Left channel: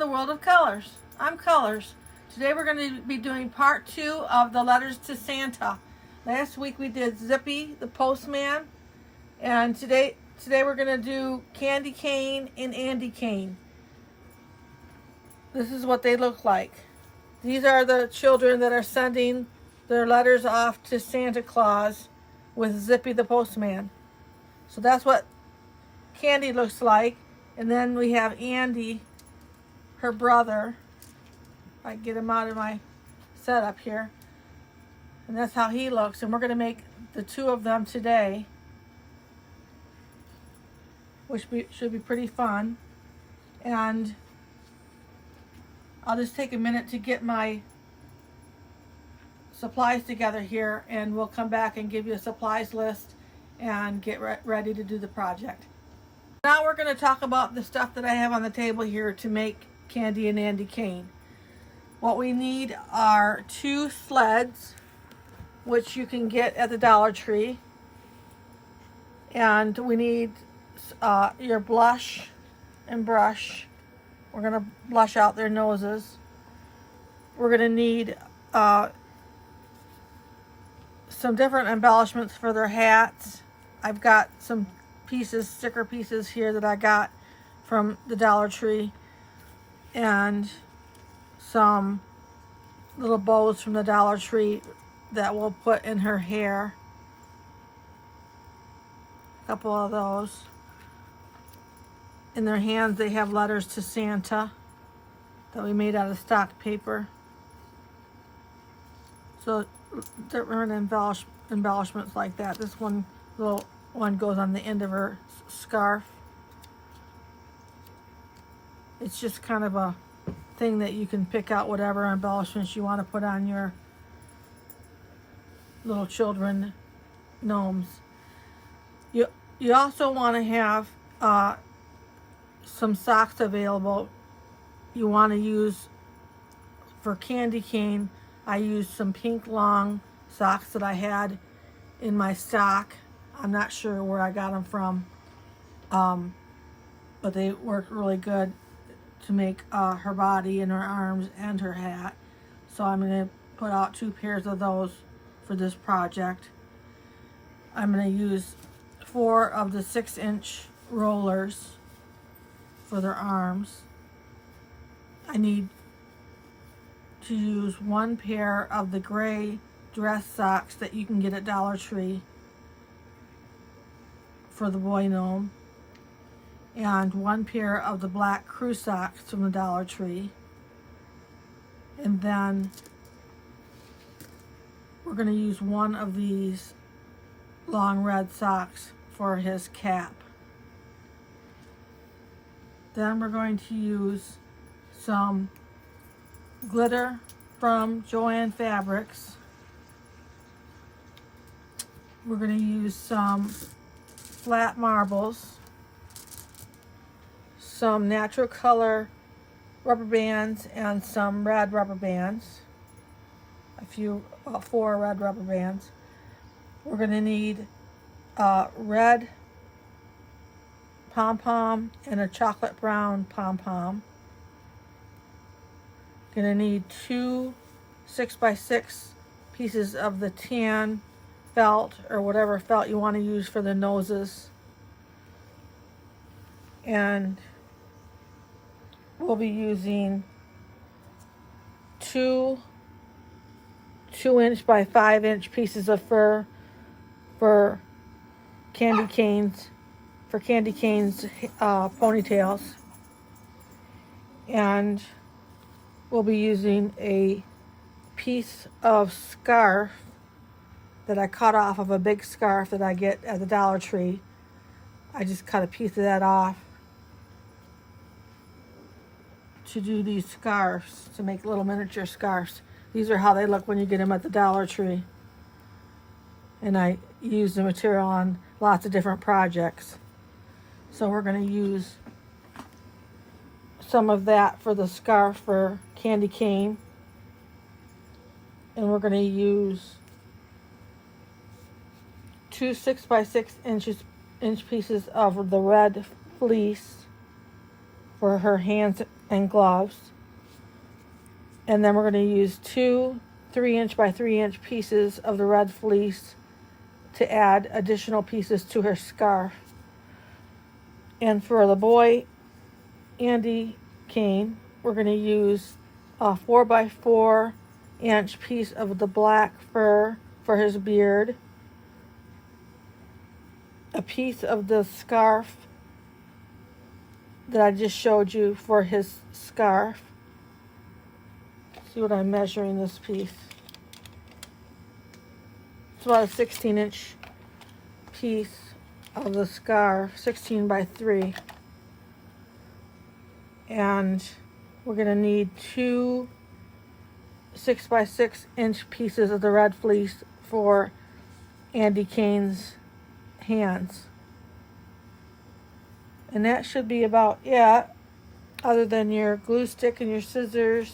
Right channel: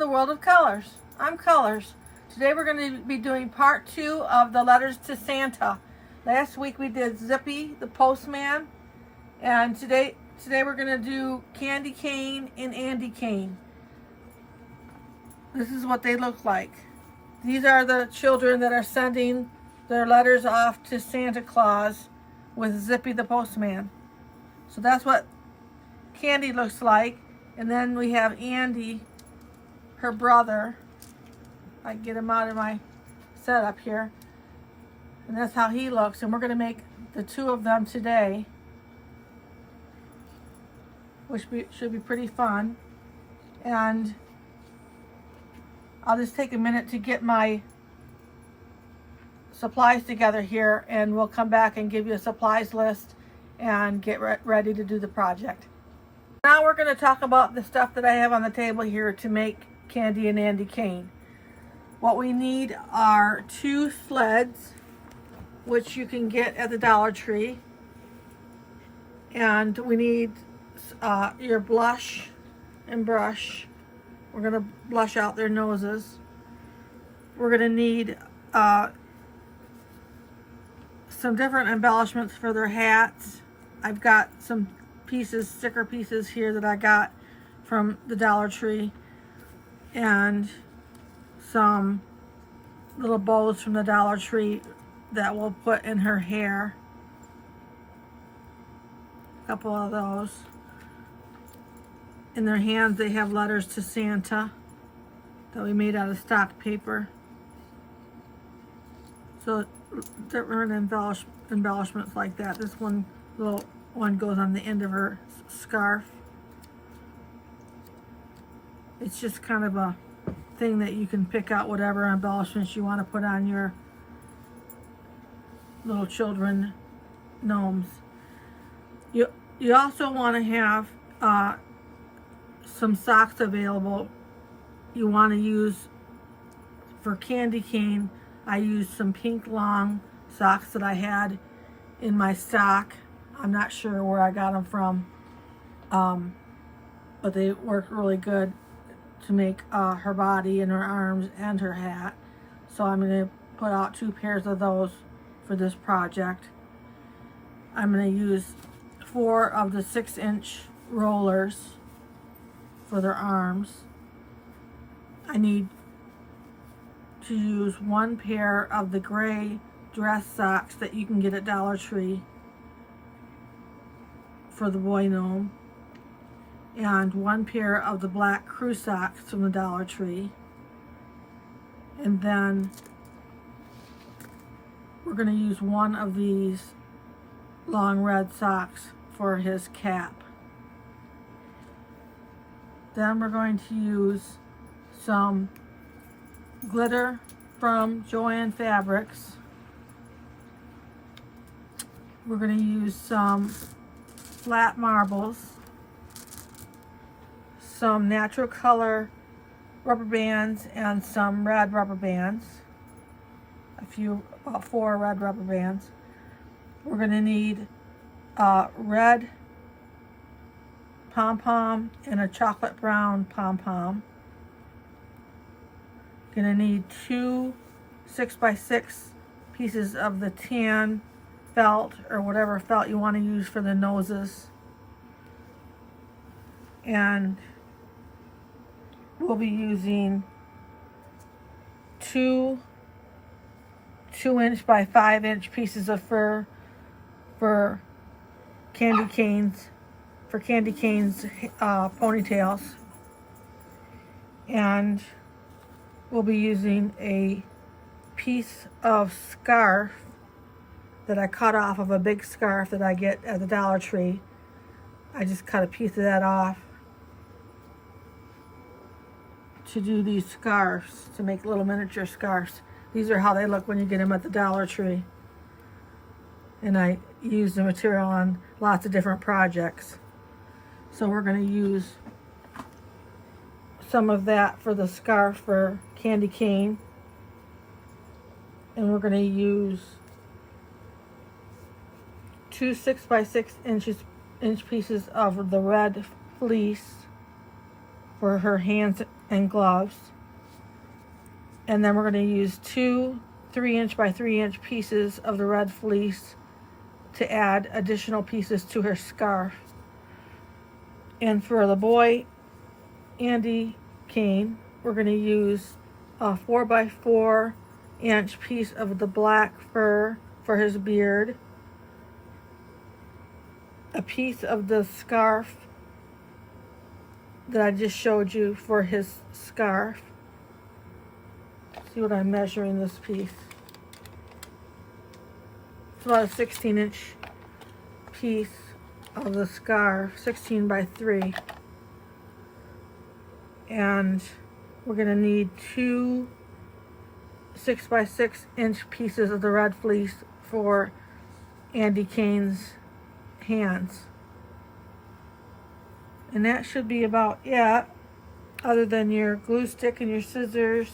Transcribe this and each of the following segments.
the world of colors. I'm Colors. Today we're going to be doing part 2 of the letters to Santa. Last week we did Zippy the postman, and today we're going to do Candy Cane and Andy Cane. This is what they look like. These are the children that are sending their letters off to Santa Claus with Zippy the postman. So that's what Candy looks like. And then we have Andy, her brother. I get him out of my setup here. And that's how he looks. And we're going to make the two of them today, which should be pretty fun. And I'll just take a minute to get my supplies together here, and we'll come back and give you a supplies list and get ready to do the project. Now we're going to talk about the stuff that I have on the table here to make Candy and Andy Cane. What we need are 2 sleds, which you can get at the Dollar Tree. And we need your blush and brush. We're going to blush out their noses. We're going to need some different embellishments for their hats. I've got some sticker pieces here that I got from the Dollar Tree, and some little bows from the Dollar Tree that we'll put in her hair. A couple of those. In their hands they have letters to Santa that we made out of stock paper. So different embellishments like that. This one, little one, goes on the end of her scarf. It's just kind of a thing that you can pick out whatever embellishments you want to put on your little children gnomes. You also want to have some socks available. You want to use, for Candy Cane, I used some pink long socks that I had in my stock. I'm not sure where I got them from, but they work really good to make her body and her arms and her hat. So I'm going to put out 2 pairs of those for this project. I'm going to use 4 of the 6-inch rollers for their arms. I need to use 1 pair of the gray dress socks that you can get at Dollar Tree for the boy gnome, and 1 pair of the black crew socks from the Dollar Tree. And then we're going to use 1 of these long red socks for his cap. Then we're going to use some glitter from Joann Fabrics. We're going to use some flat marbles, some natural color rubber bands, and some red rubber bands. About 4 red rubber bands. We're going to need red pom-pom and a chocolate brown pom-pom. Going to need 2 6x6 pieces of the tan felt, or whatever felt you want to use for the noses. And we'll be using 2 2-inch by 5-inch pieces of fur for Candy Cane's ponytails. And we'll be using a piece of scarf that I cut off of a big scarf that I get at the Dollar Tree. I just cut a piece of that off to do these scarves, to make little miniature scarves. These are how they look when you get them at the Dollar Tree. And I use the material on lots of different projects. So we're going to use some of that for the scarf for Candy Cane. And we're going to use 2 6x6 inch pieces of the red fleece for her hands and gloves. And then we're going to use 2 3-inch by 3-inch pieces of the red fleece to add additional pieces to her scarf. And for the boy, Andy Kane, we're going to use a 4 by 4-inch piece of the black fur for his beard, a piece of the scarf that I just showed you for his scarf. See what I'm measuring this piece. It's about a 16-inch piece of the scarf, 16 by 3. And we're going to need 2 6 by 6-inch pieces of the red fleece for Andy Kane's hands. And that should be about it, other than your glue stick and your scissors.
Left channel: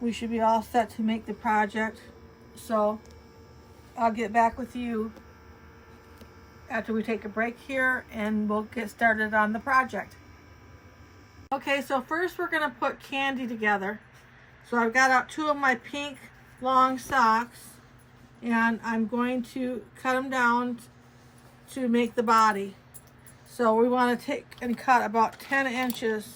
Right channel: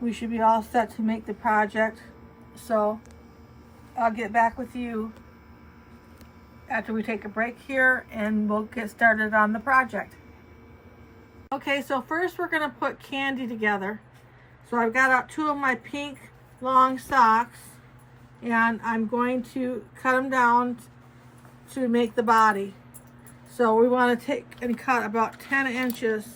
We should be all set to make the project. So I'll get back with you after we take a break here, and we'll get started on the project. Okay, so first we're going to put candy together. So I've got out 2 of my pink long socks, and I'm going to cut them down to make the body. So we want to take and cut about 10 inches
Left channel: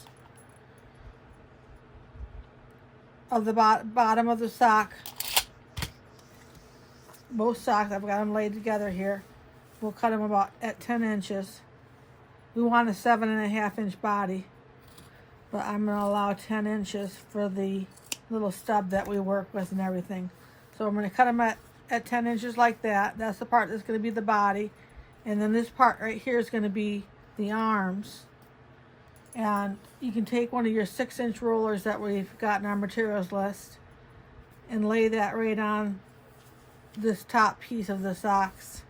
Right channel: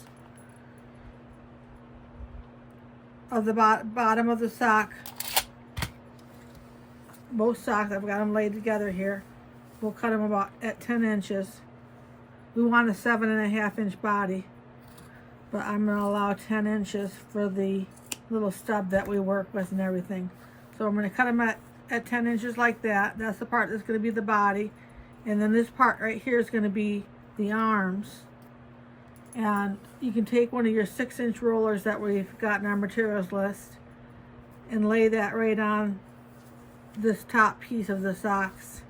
of the bottom of the sock. Both socks, I've got them laid together here. We'll cut them about at 10 inches. We want a 7.5-inch body, but I'm going to allow 10 inches for the little stub that we work with and everything. So I'm going to cut them at 10 inches like that. That's the part that's going to be the body. And then this part right here is going to be the arms. And you can take one of your 6-inch rollers that we've got in our materials list and lay that right on this top piece of the socks.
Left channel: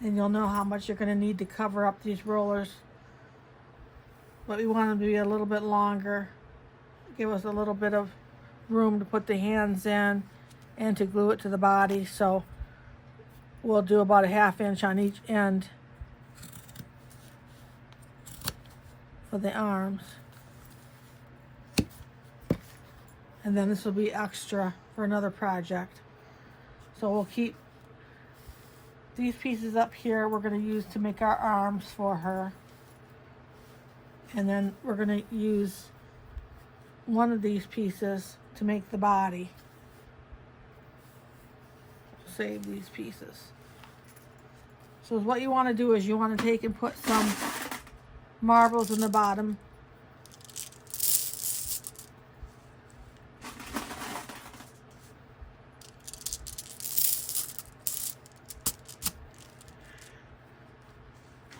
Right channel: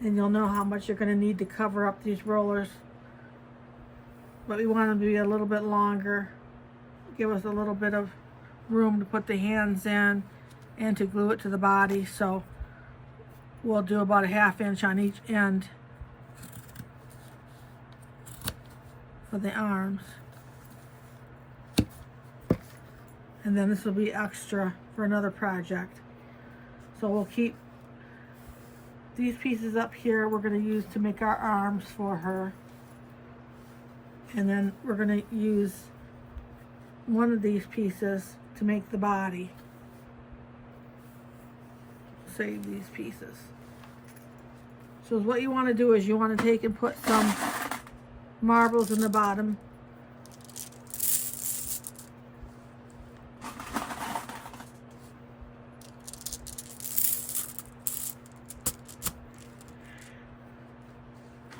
And you'll know how much you're going to need to cover up these rollers. But we want them to be a little bit longer. Give us a little bit of room to put the hands in and to glue it to the body. So we'll do about a 1/2 inch on each end for the arms. And then this will be extra for another project. So we'll keep these pieces up here we're going to use to make our arms for her. And then we're going to use one of these pieces to make the body. Save these pieces. So what you want to do is you want to take and put some marbles in the bottom.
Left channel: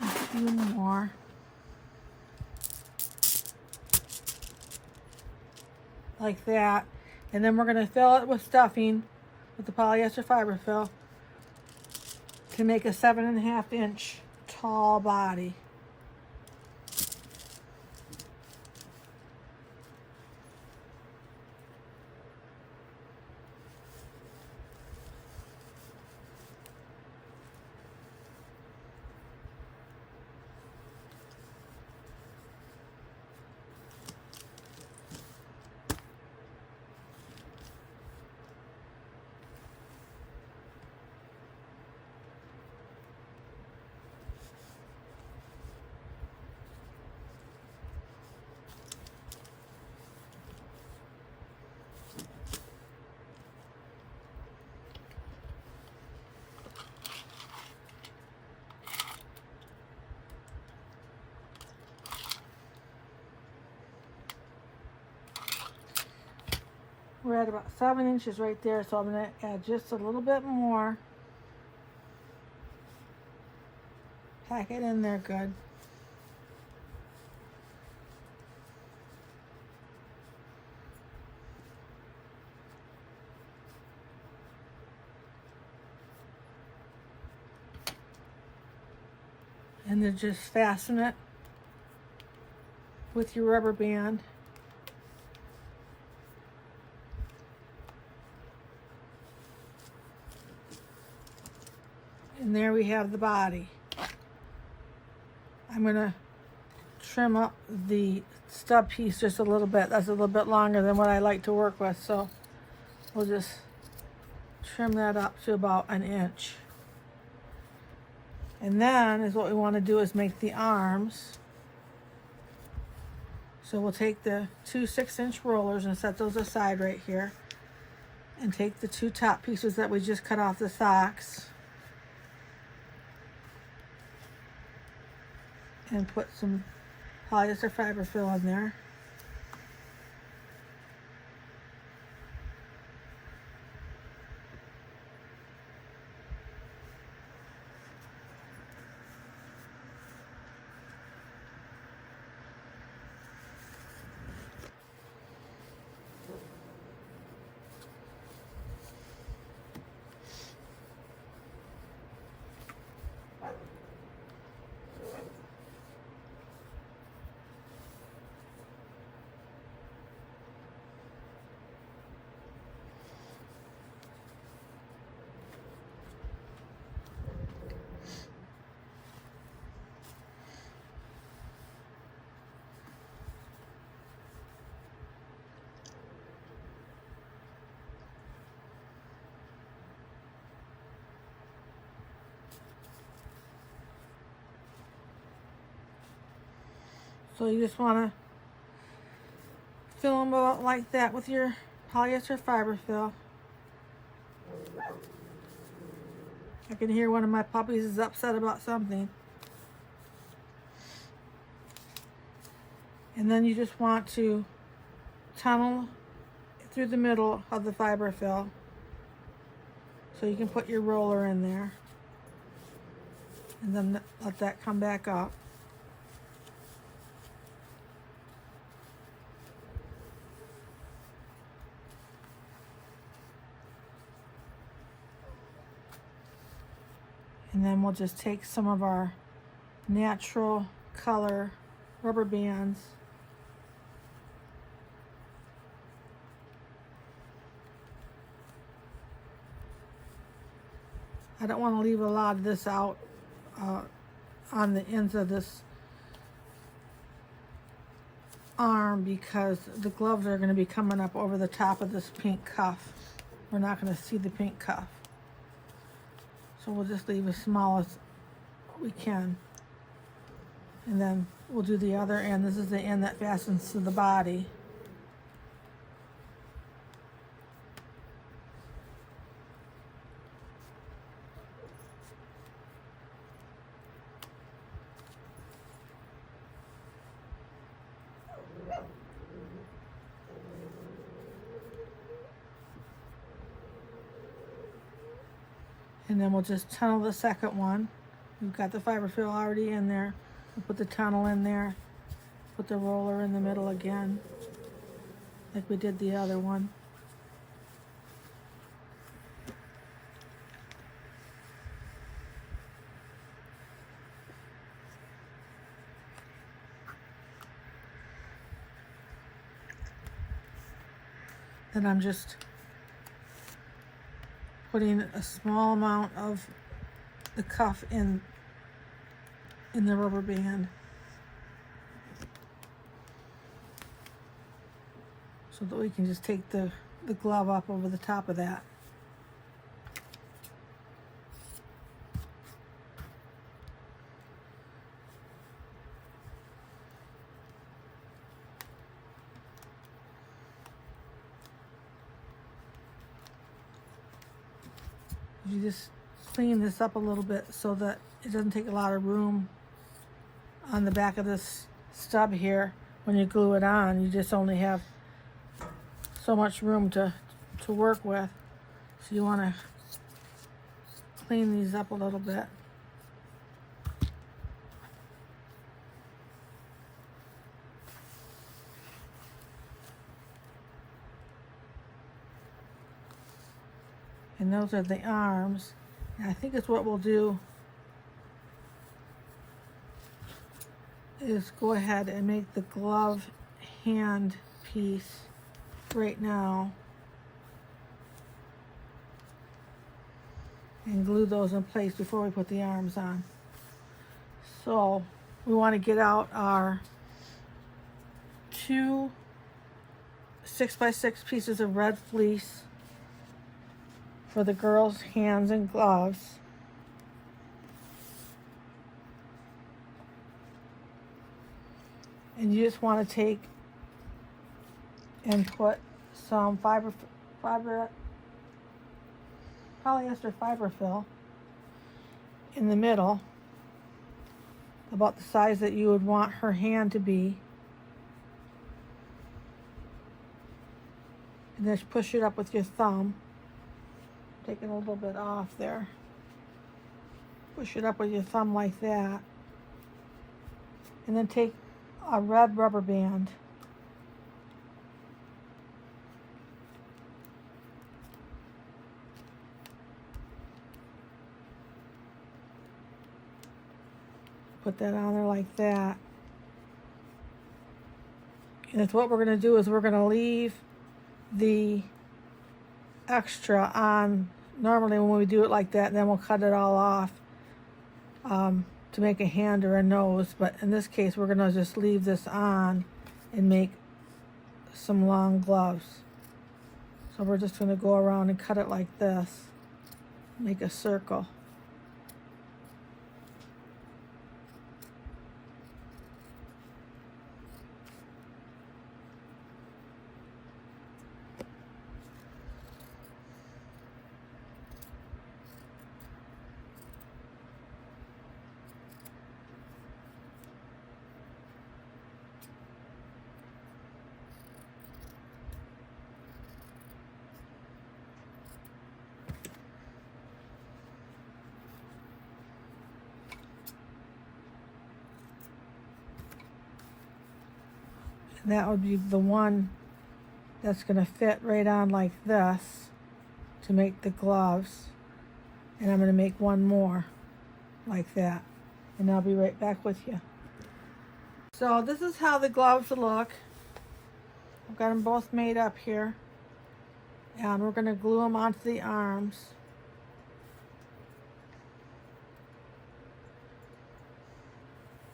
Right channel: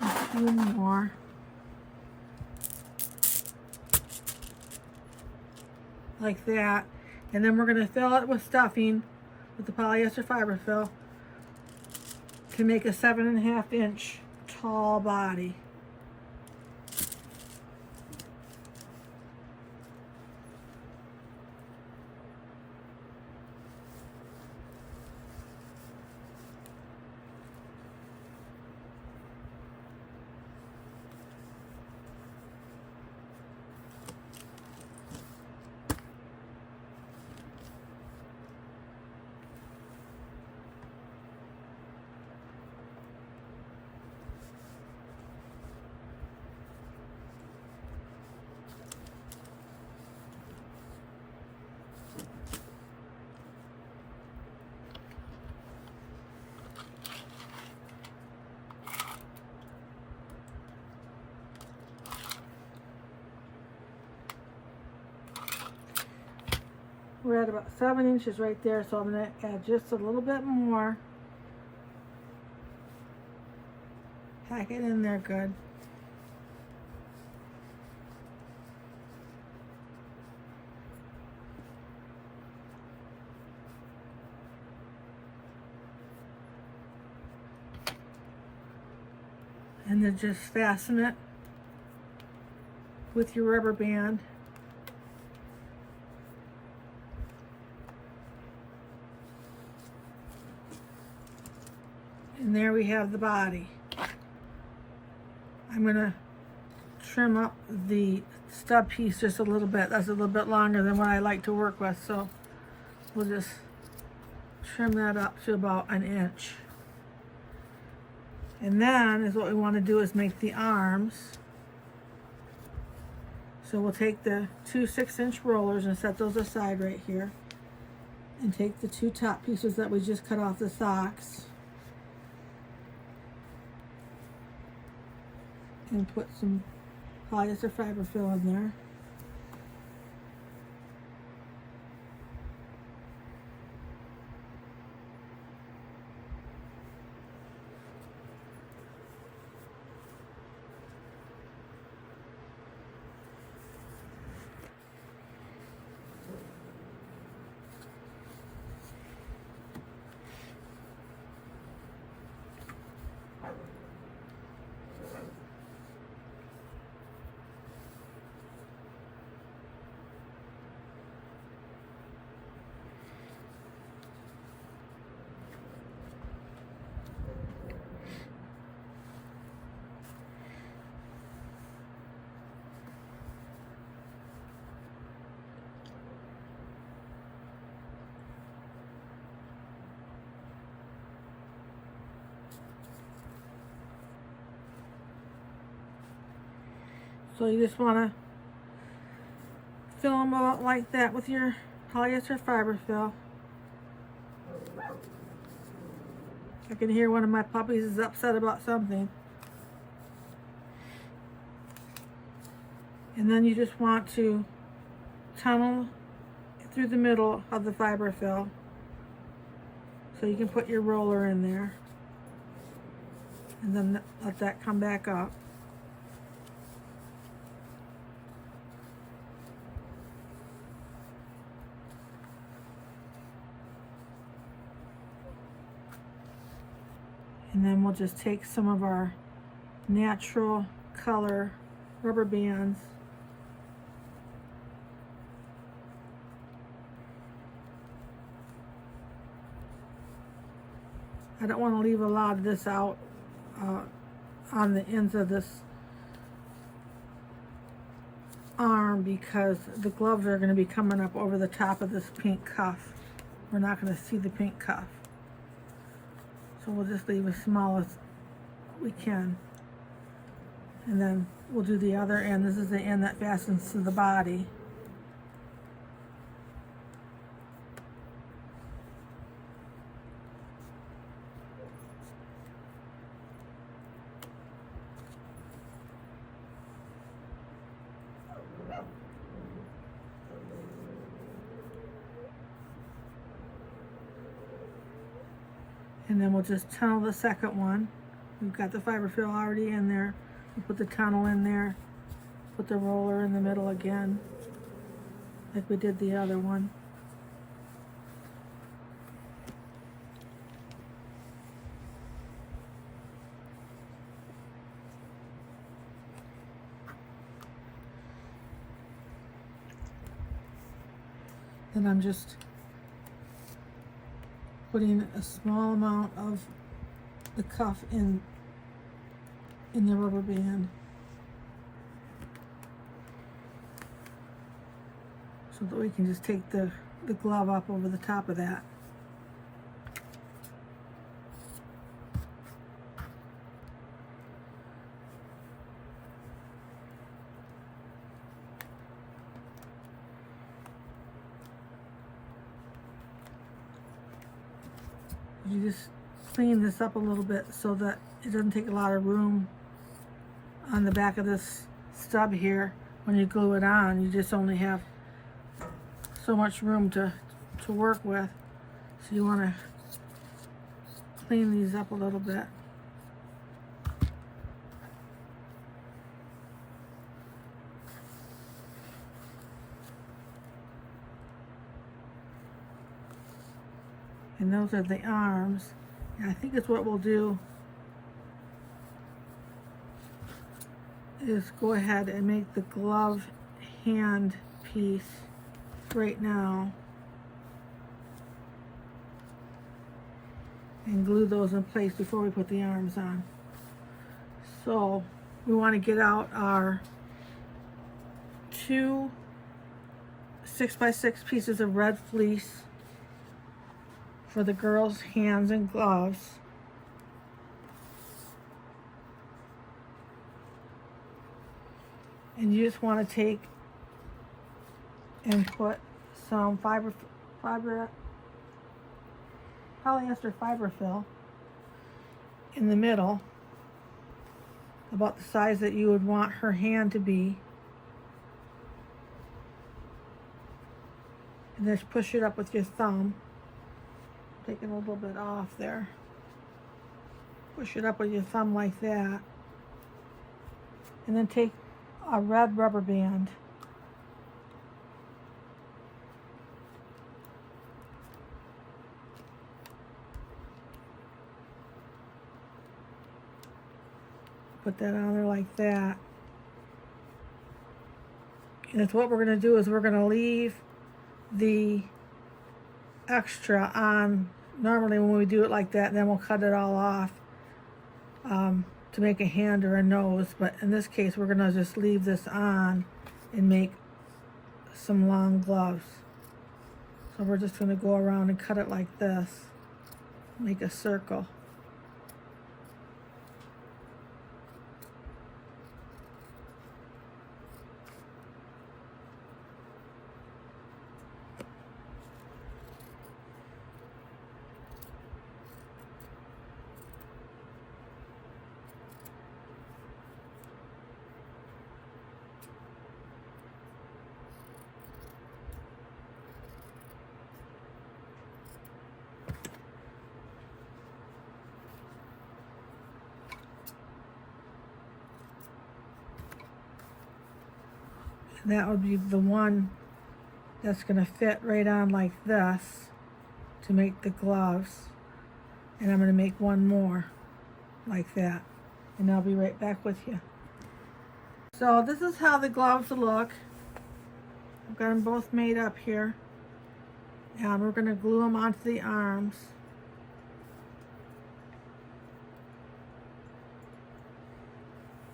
A few more. Like that. And then we're going to fill it with stuffing with the polyester fiber fill to make a 7.5-inch tall body. We're at about 7 inches right there, so I'm going to add just a little bit more. Pack it in there good. And then just fasten it with your rubber band. And there we have the body. I'm going to trim up the stub piece just a little bit. That's a little bit longer than what I like to work with, so we'll just trim that up to about 1 inch. And then is what we want to do is make the arms. So we'll take the 2 6-inch rollers and set those aside right here, and take the 2 top pieces that we just cut off the socks and put some polyester fiber fill in there. So you just want to fill them out like that with your polyester fiber fill. I can hear one of my puppies is upset about something. And then you just want to tunnel through the middle of the fiber fill so you can put your roller in there, and then let that come back up. And then we'll just take some of our natural color rubber bands I don't want to leave a lot of this out on the ends of this arm, because the gloves are going to be coming up over the top of this pink cuff. We're not going to see the pink cuff. So we'll just leave as small as we can. And then we'll do the other end. This is the end that fastens to the body. And then we'll just tunnel the second one. We've got the fiber fill already in there. We'll put the tunnel in there. Put the roller in the middle again, like we did the other one. Then I'm just putting a small amount of the cuff in the rubber band, so that we can just take the glove up over the top of that. You just clean this up a little bit so that it doesn't take a lot of room on the back of this stub here. When you glue it on, you just only have so much room to work with. So you want to clean these up a little bit. And those are the arms. And I think it's what we'll do is go ahead and make the glove hand piece right now and glue those in place before we put the arms on. So we want to get out our 2 6x6 pieces of red fleece for the girls' hands and gloves. And you just want to take and put some polyester fiber fill in the middle, about the size that you would want her hand to be. And just push it up with your thumb. Taking a little bit off there. Push it up with your thumb like that. And then take a red rubber band. Put that on there like that. And it's what we're going to do is we're going to leave the extra on normally when we do it like that, and then we'll cut it all off to make a hand or a nose. But in this case, we're going to just leave this on and make some long gloves. So we're just going to go around and cut it like this, make a circle. That would be the one that's going to fit right on like this to make the gloves. And I'm going to make one more like that. And I'll be right back with you. So this is how the gloves look. I've got them both made up here. And we're going to glue them onto the arms.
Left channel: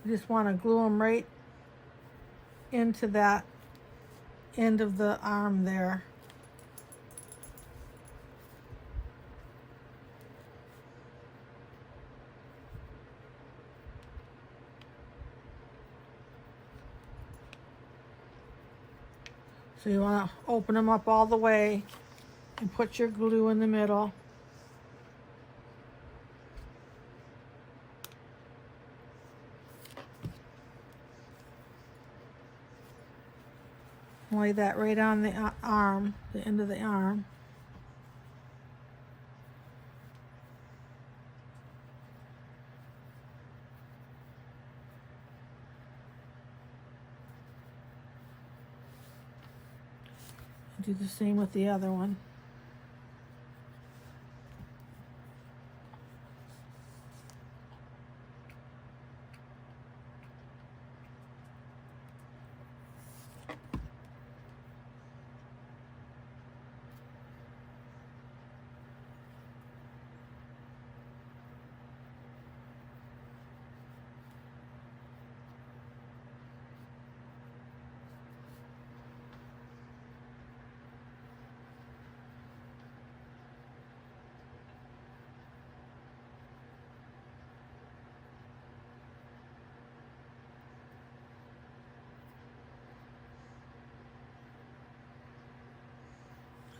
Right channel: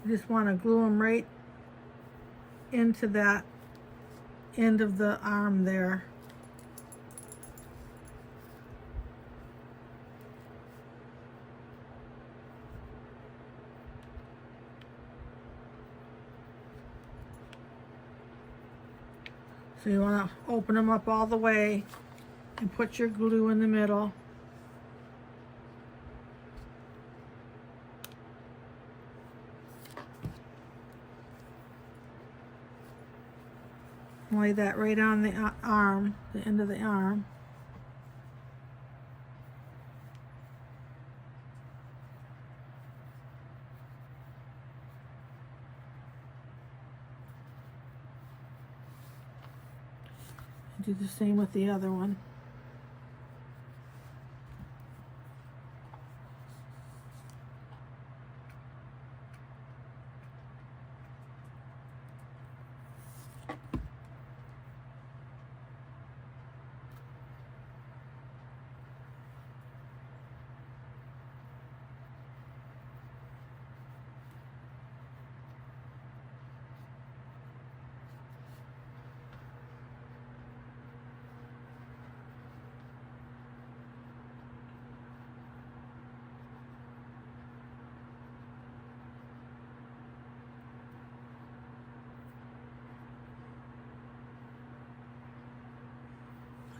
You just want to glue them right into that end of the arm there. So you want to open them up all the way and put your glue in the middle. Lay that right on the arm, the end of the arm. Do the same with the other one.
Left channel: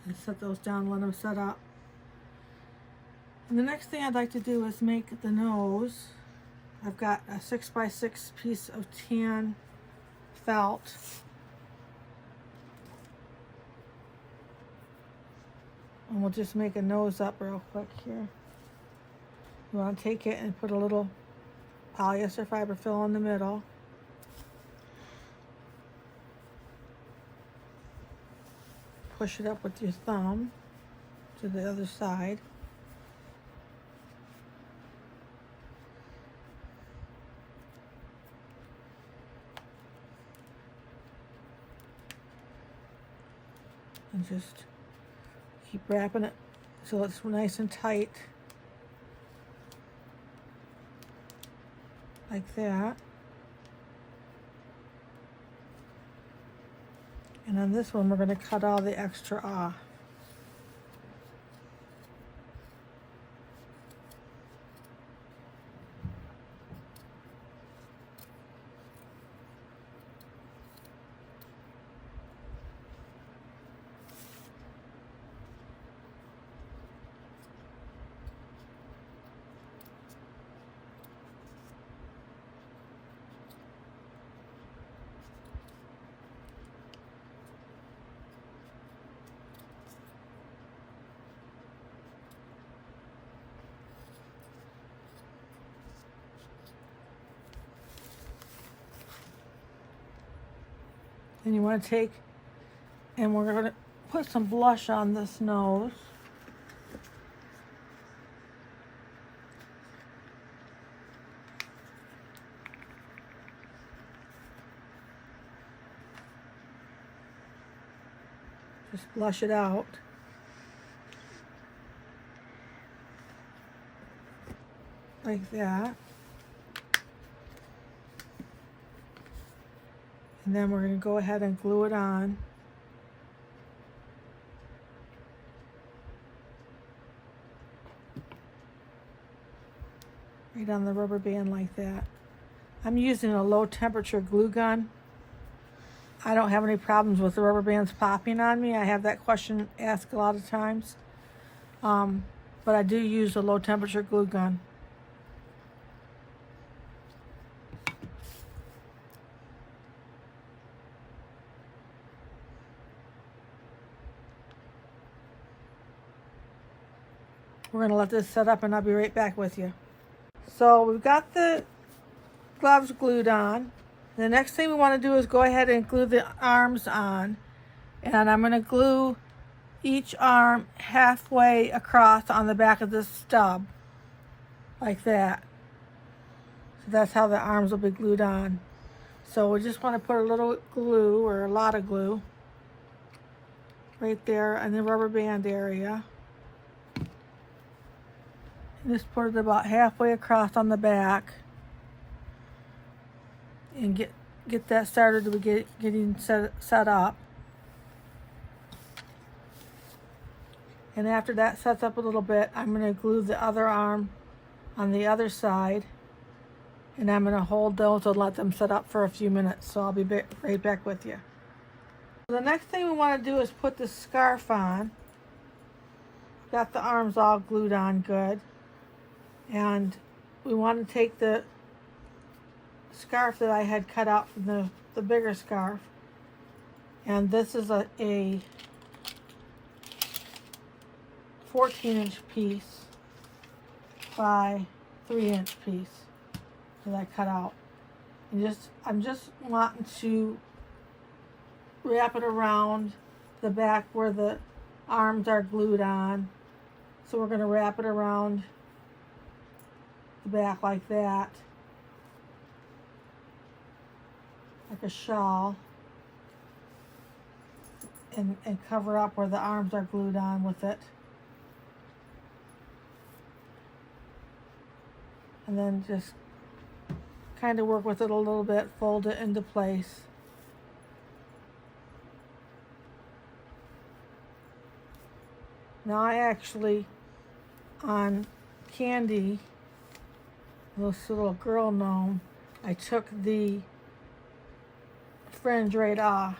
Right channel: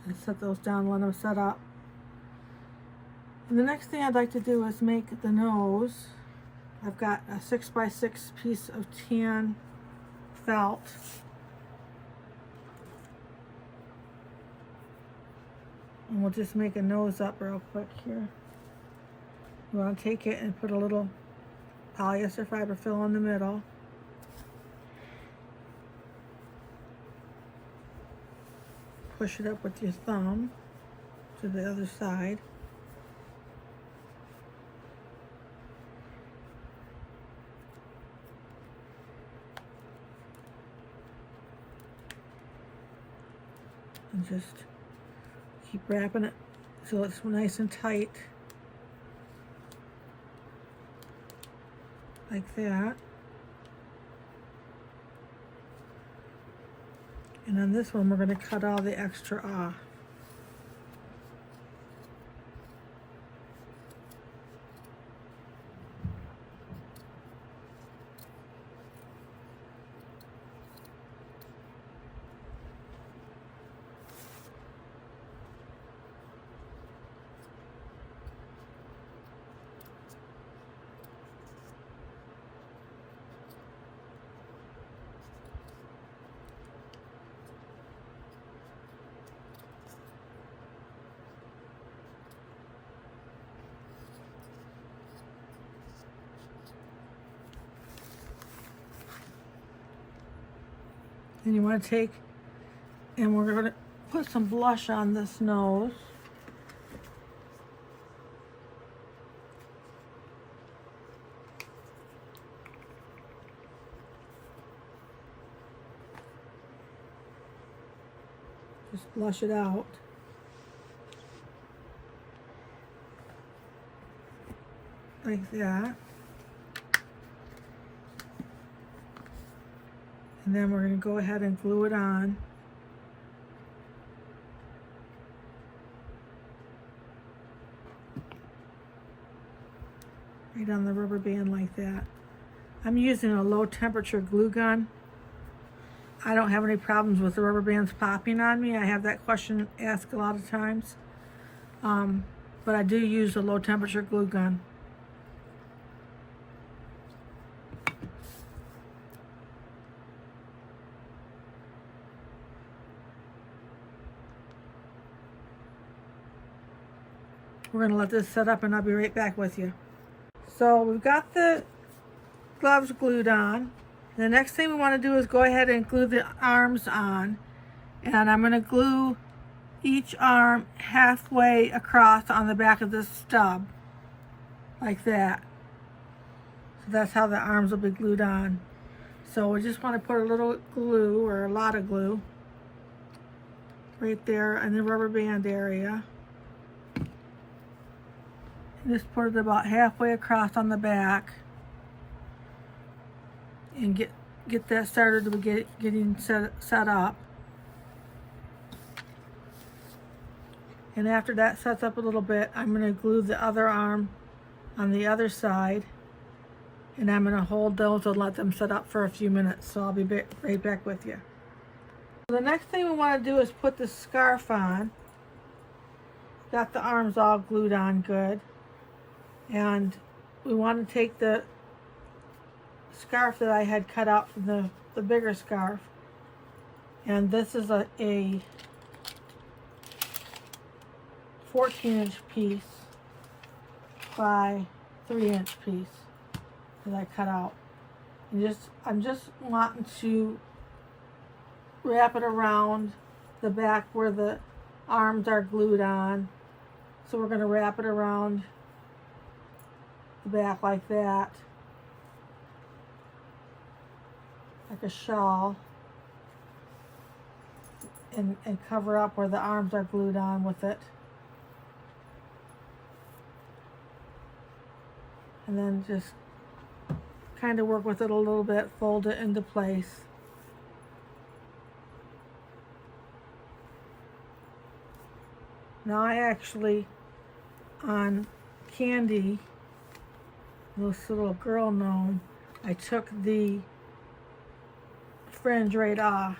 And set those down, let them set up. And the next thing I'd like to do is make the nose. I've got a 6x6 piece of tan felt. And we'll just make a nose up real quick here. You want to take it and put a little polyester fiber fill in the middle. Push it up with your thumb to the other side. And just keep wrapping it so it's nice and tight. Like that. And on this one, we're going to cut all the extra off. And you want to take, and we're going to put some blush on this nose. Just blush it out. Like that. And then we're going to go ahead and glue it on. Right on the rubber band like that. I'm using a low temperature glue gun. I don't have any problems with the rubber bands popping on me. I have that question asked a lot of times. But I do use a low temperature glue gun. We're going to let this set up and I'll be right back with you. So we've got the gloves glued on. The next thing we want to do is go ahead and glue the arms on. And I'm going to glue each arm halfway across on the back of this stub. Like that. So that's how the arms will be glued on. So we just want to put a little glue, or a lot of glue, right there in the rubber band area. Just put it about halfway across on the back and get that started to getting set up. And after that sets up a little bit, I'm going to glue the other arm on the other side, and I'm going to hold those and let them set up for a few minutes. So I'll be right back with you. The next thing we want to do is put the scarf on. Got the arms all glued on good. And we want to take the scarf that I had cut out from the bigger scarf, and this is a 14-inch piece by 3-inch piece that I cut out. And I'm just wanting to wrap it around the back where the arms are glued on. So we're going to wrap it around the back like that, like a shawl, and cover up where the arms are glued on with it. And then just kind of work with it a little bit, fold it into place. Now I actually, on Candy, this little girl gnome, I took the fringe right off.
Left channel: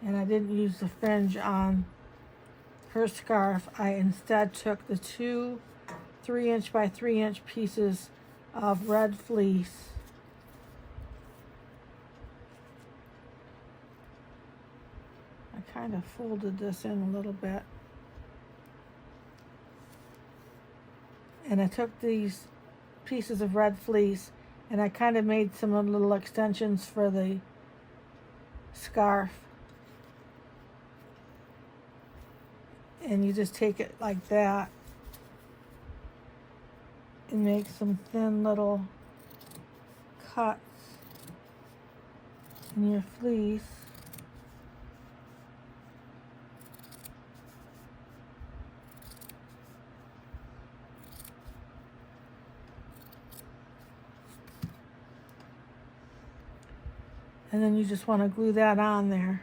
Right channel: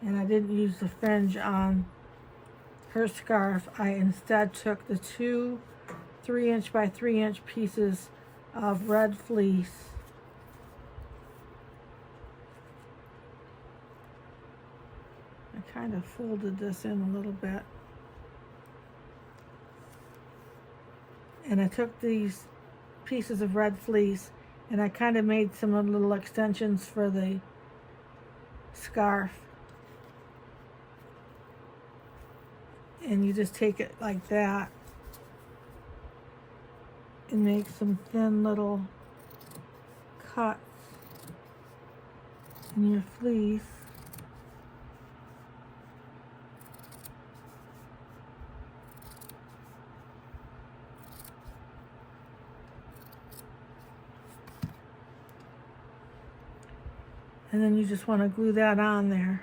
And I didn't use the fringe on her scarf. I instead took the two 3-inch by 3-inch pieces of red fleece. I kind of folded this in a little bit. And I took these pieces of red fleece and I kind of made some little extensions for the scarf. And you just take it like that and make some thin little cuts in your fleece. And then you just want to glue that on there.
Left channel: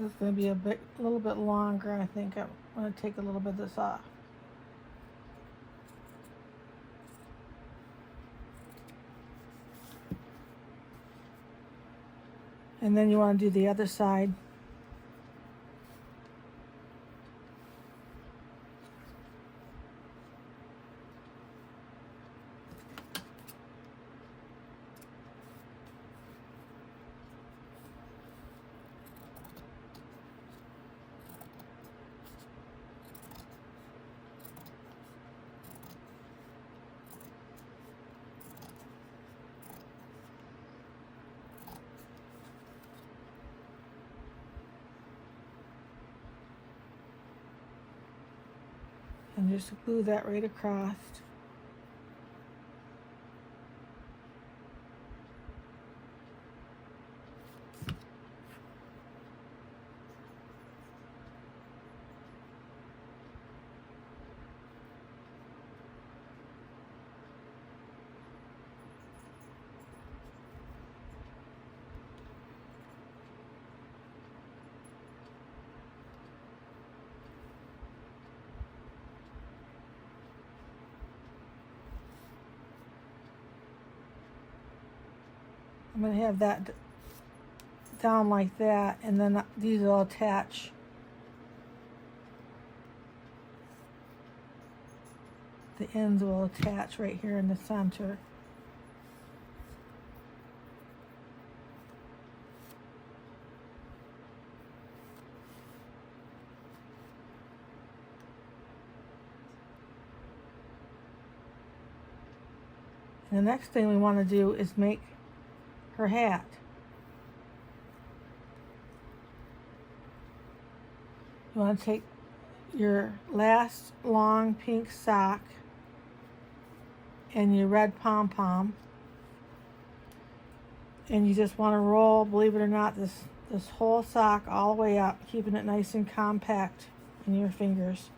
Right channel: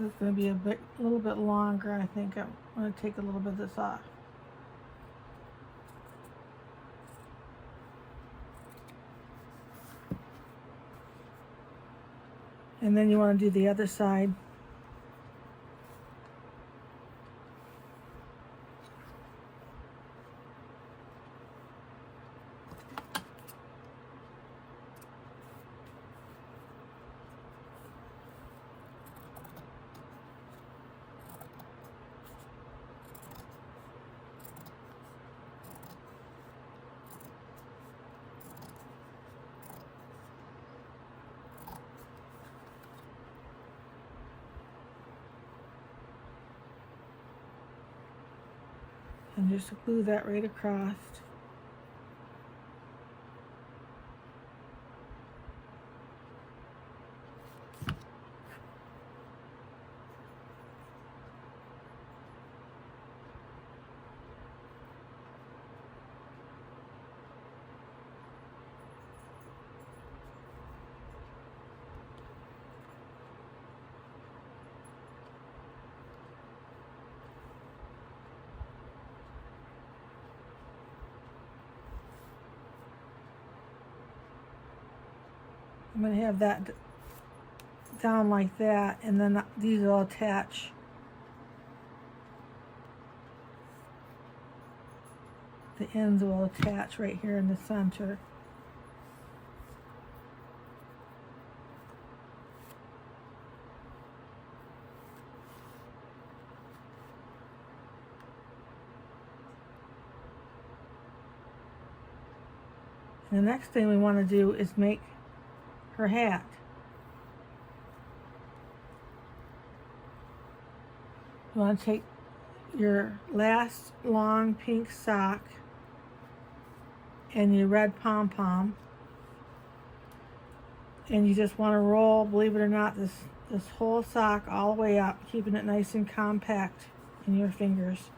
This is going to be a little bit longer. I think I'm going to take a little bit of this off. And then you want to do the other side. And just glue that right across. I'm going to have that down like that, and then these will attach. The ends will attach right here in the center. And the next thing we want to do is make her hat. You want to take your last long pink sock and your red pom-pom, and you just want to roll, believe it or not, this whole sock all the way up, keeping it nice and compact in your fingers.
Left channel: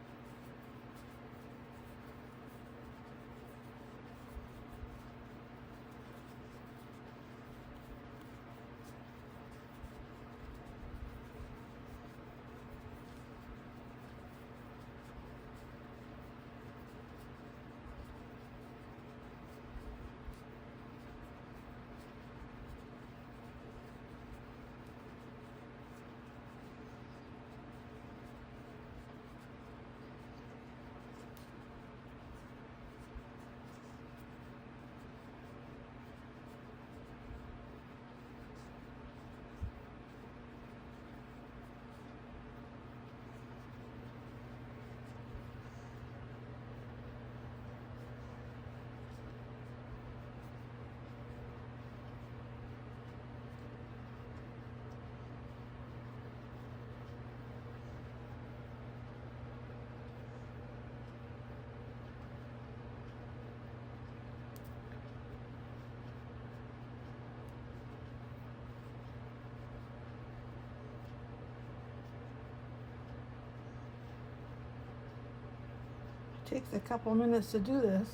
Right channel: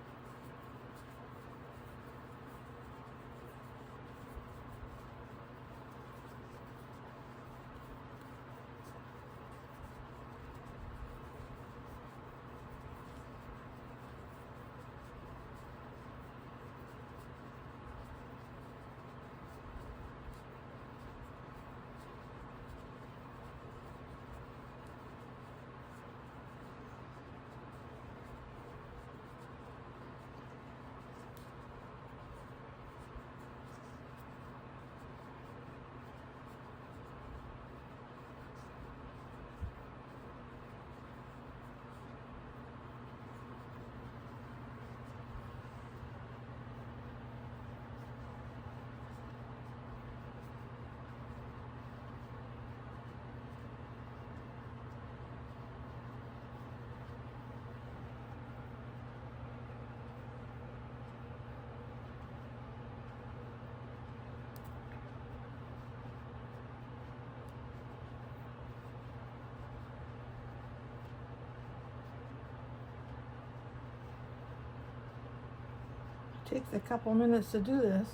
Takes a couple minutes to do this.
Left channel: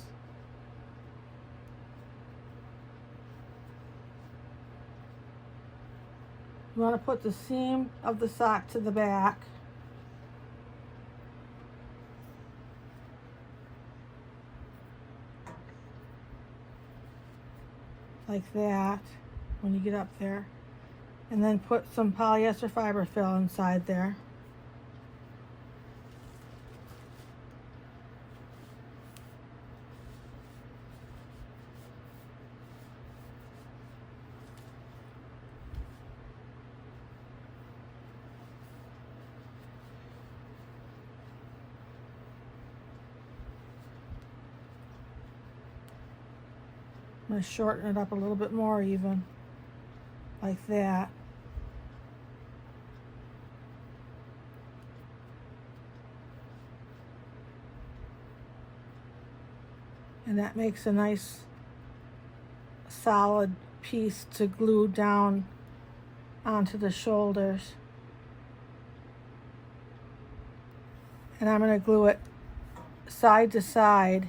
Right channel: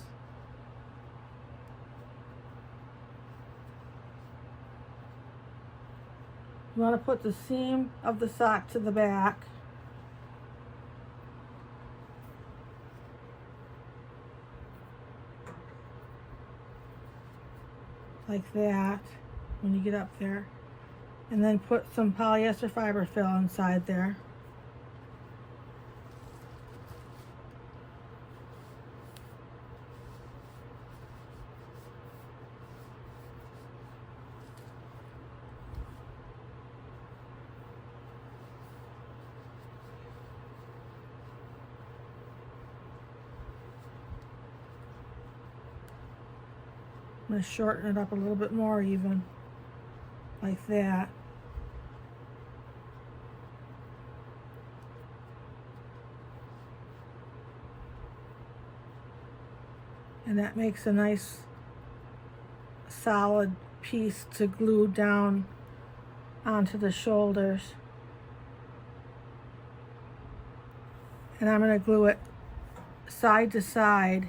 You want to put the seam of the sock to the back. Like that, when you get up there. And then put some polyester fiber fill inside there. going to shorten it up a little bit more even, like that. And that makes a nice solid piece to glue down onto the shoulders. And I'm going to glue it side to side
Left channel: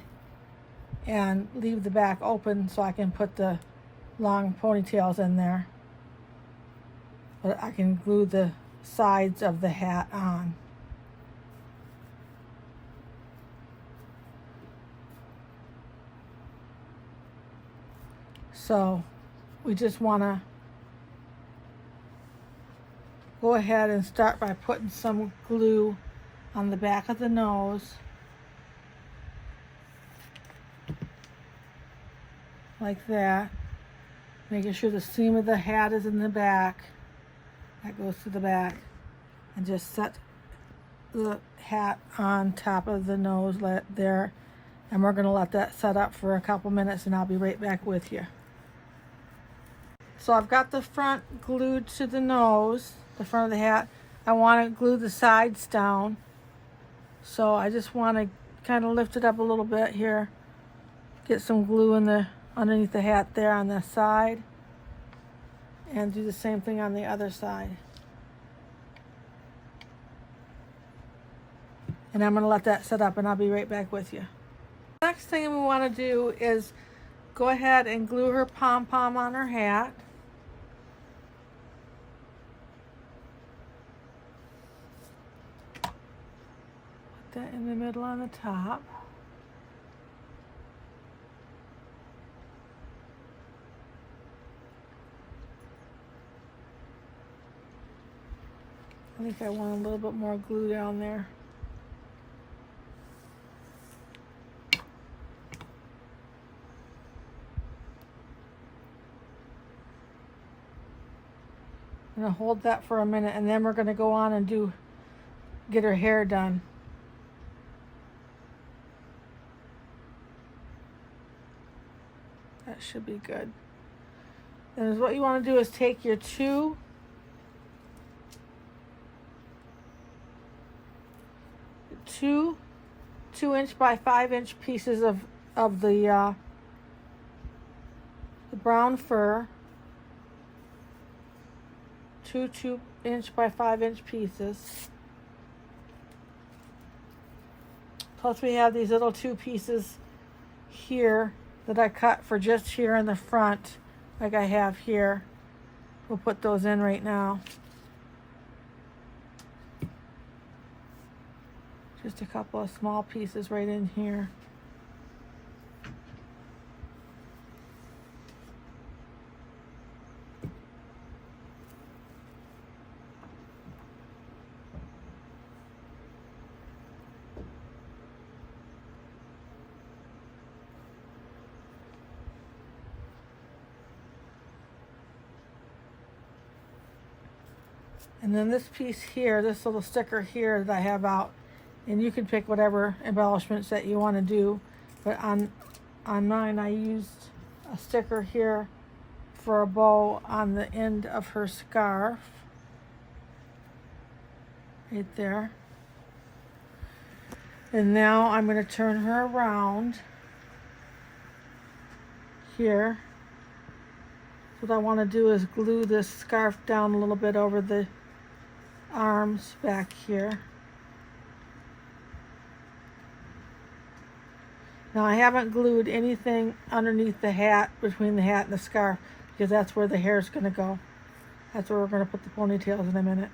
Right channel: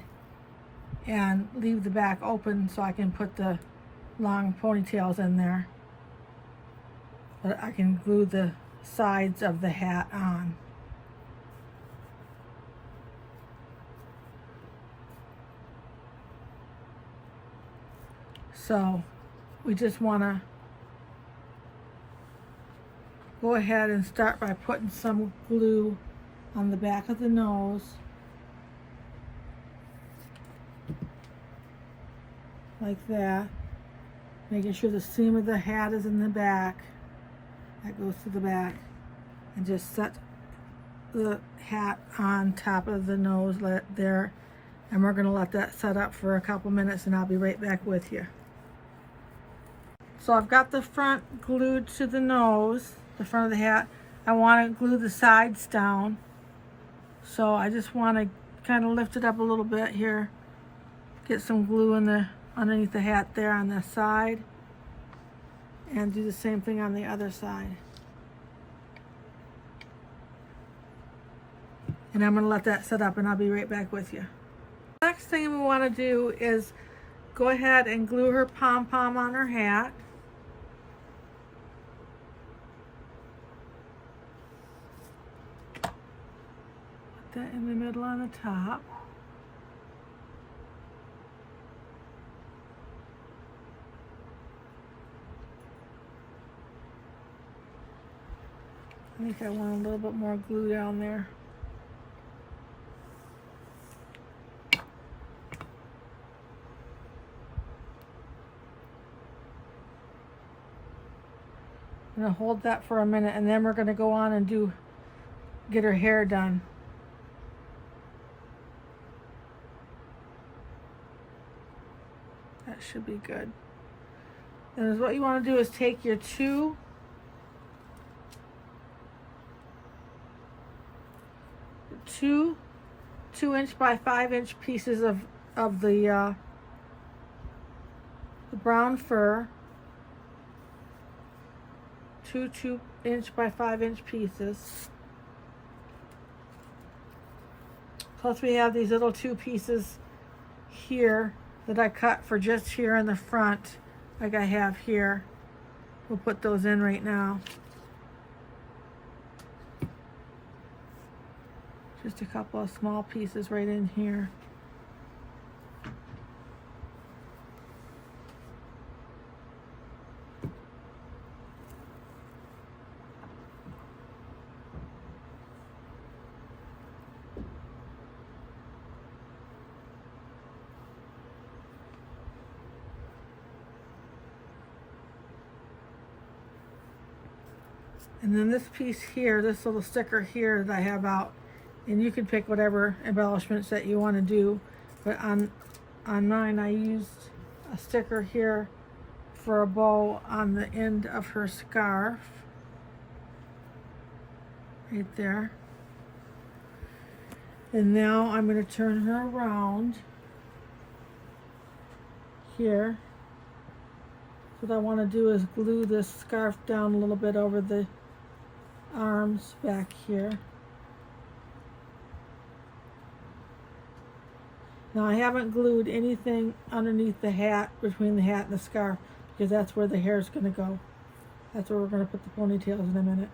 and leave the back open so I can put the long ponytails in there. But I can glue the sides of the hat on. So we just want to go ahead and start by putting some glue on the back of the nose, like that, making sure the seam of the hat is in the back. That goes to the back, and just set the hat on top of the nose there, and we're going to let that set up for a couple minutes, and I'll be right back with you. So I've got the front glued to the nose, the front of the hat. I want to glue the sides down, so I just want to kind of lift it up a little bit here, get some glue in the underneath the hat there on the side, and do the same thing on the other side. And I'm going to let that set up, and I'll be right back with you. Next thing we want to do is go ahead and glue her pom-pom on her hat. Put that in the middle on the top. I think I want a little bit more glue down there. I'm going to hold that for a minute, and then we're going to go on and get her hair done. That should be good. And what you want to do is take your two inch by 5-inch pieces of the brown fur, two 2-inch by 5-inch pieces. Plus we have these little 2 pieces here that I cut for just here in the front, like I have here. We'll put those in right now. Just a couple of small pieces right in here. And then this piece here, this little sticker here that I have out, and you can pick whatever embellishments that you want to do, but on mine I used a sticker here for a bow on the end of her scarf, right there. And now I'm going to turn her around here. So what I want to do is glue this scarf down a little bit over the arms back here. Now I haven't glued anything underneath the hat, between the hat and the scarf, because that's where the hair is going to go. That's where we're going to put the ponytails in a minute.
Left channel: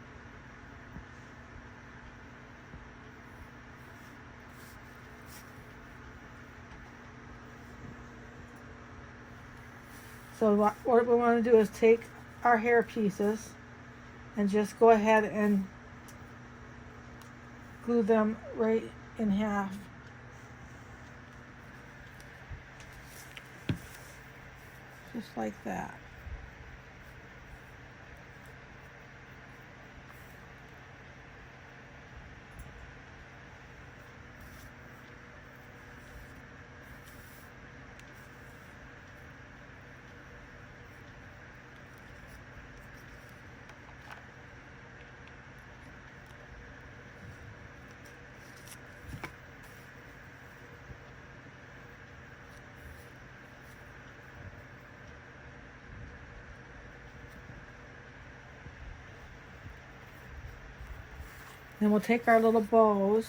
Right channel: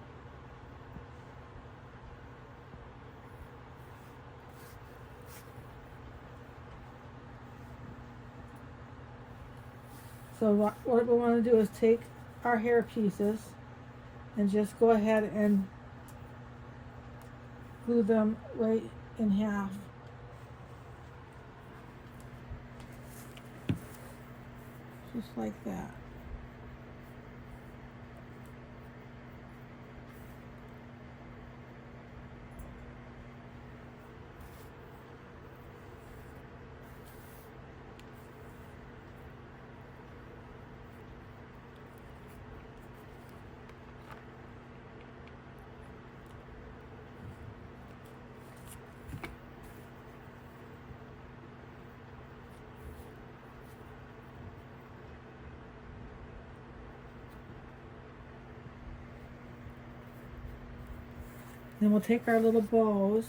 So what we want to do is take our hair pieces and just go ahead and glue them right in half. Just like that. Then we'll take our little bows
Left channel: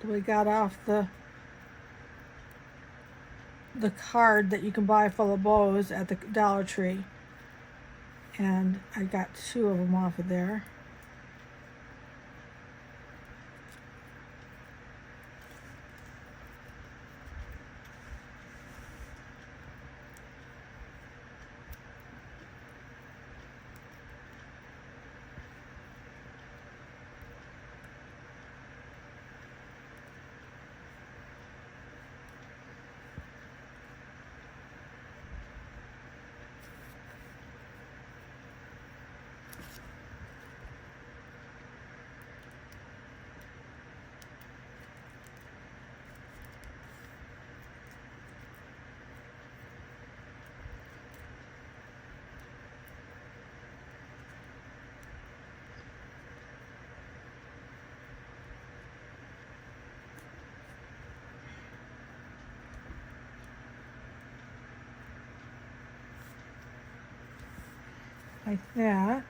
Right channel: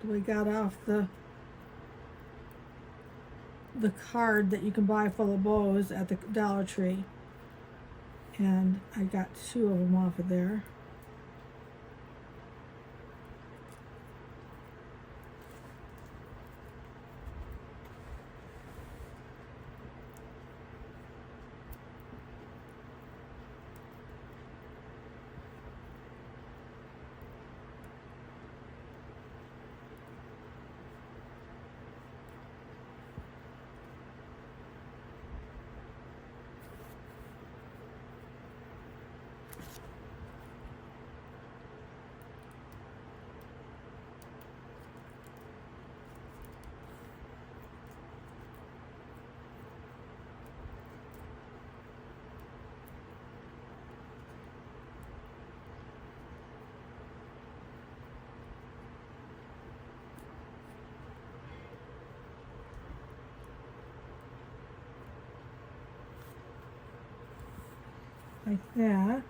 that we got off the card that you can buy full of bows at the Dollar Tree. And I got 2 of them off of there. Like that.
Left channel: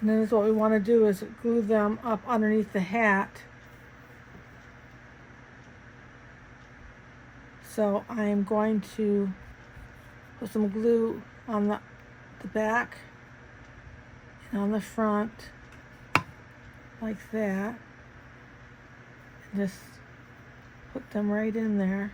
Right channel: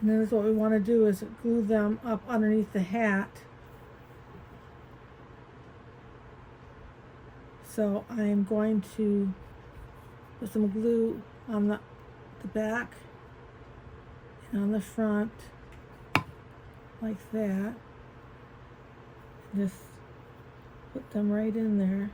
And then what we want to do is glue them up underneath the hat. So I am going to put some glue on the back and on the front like that. And just put them right in there.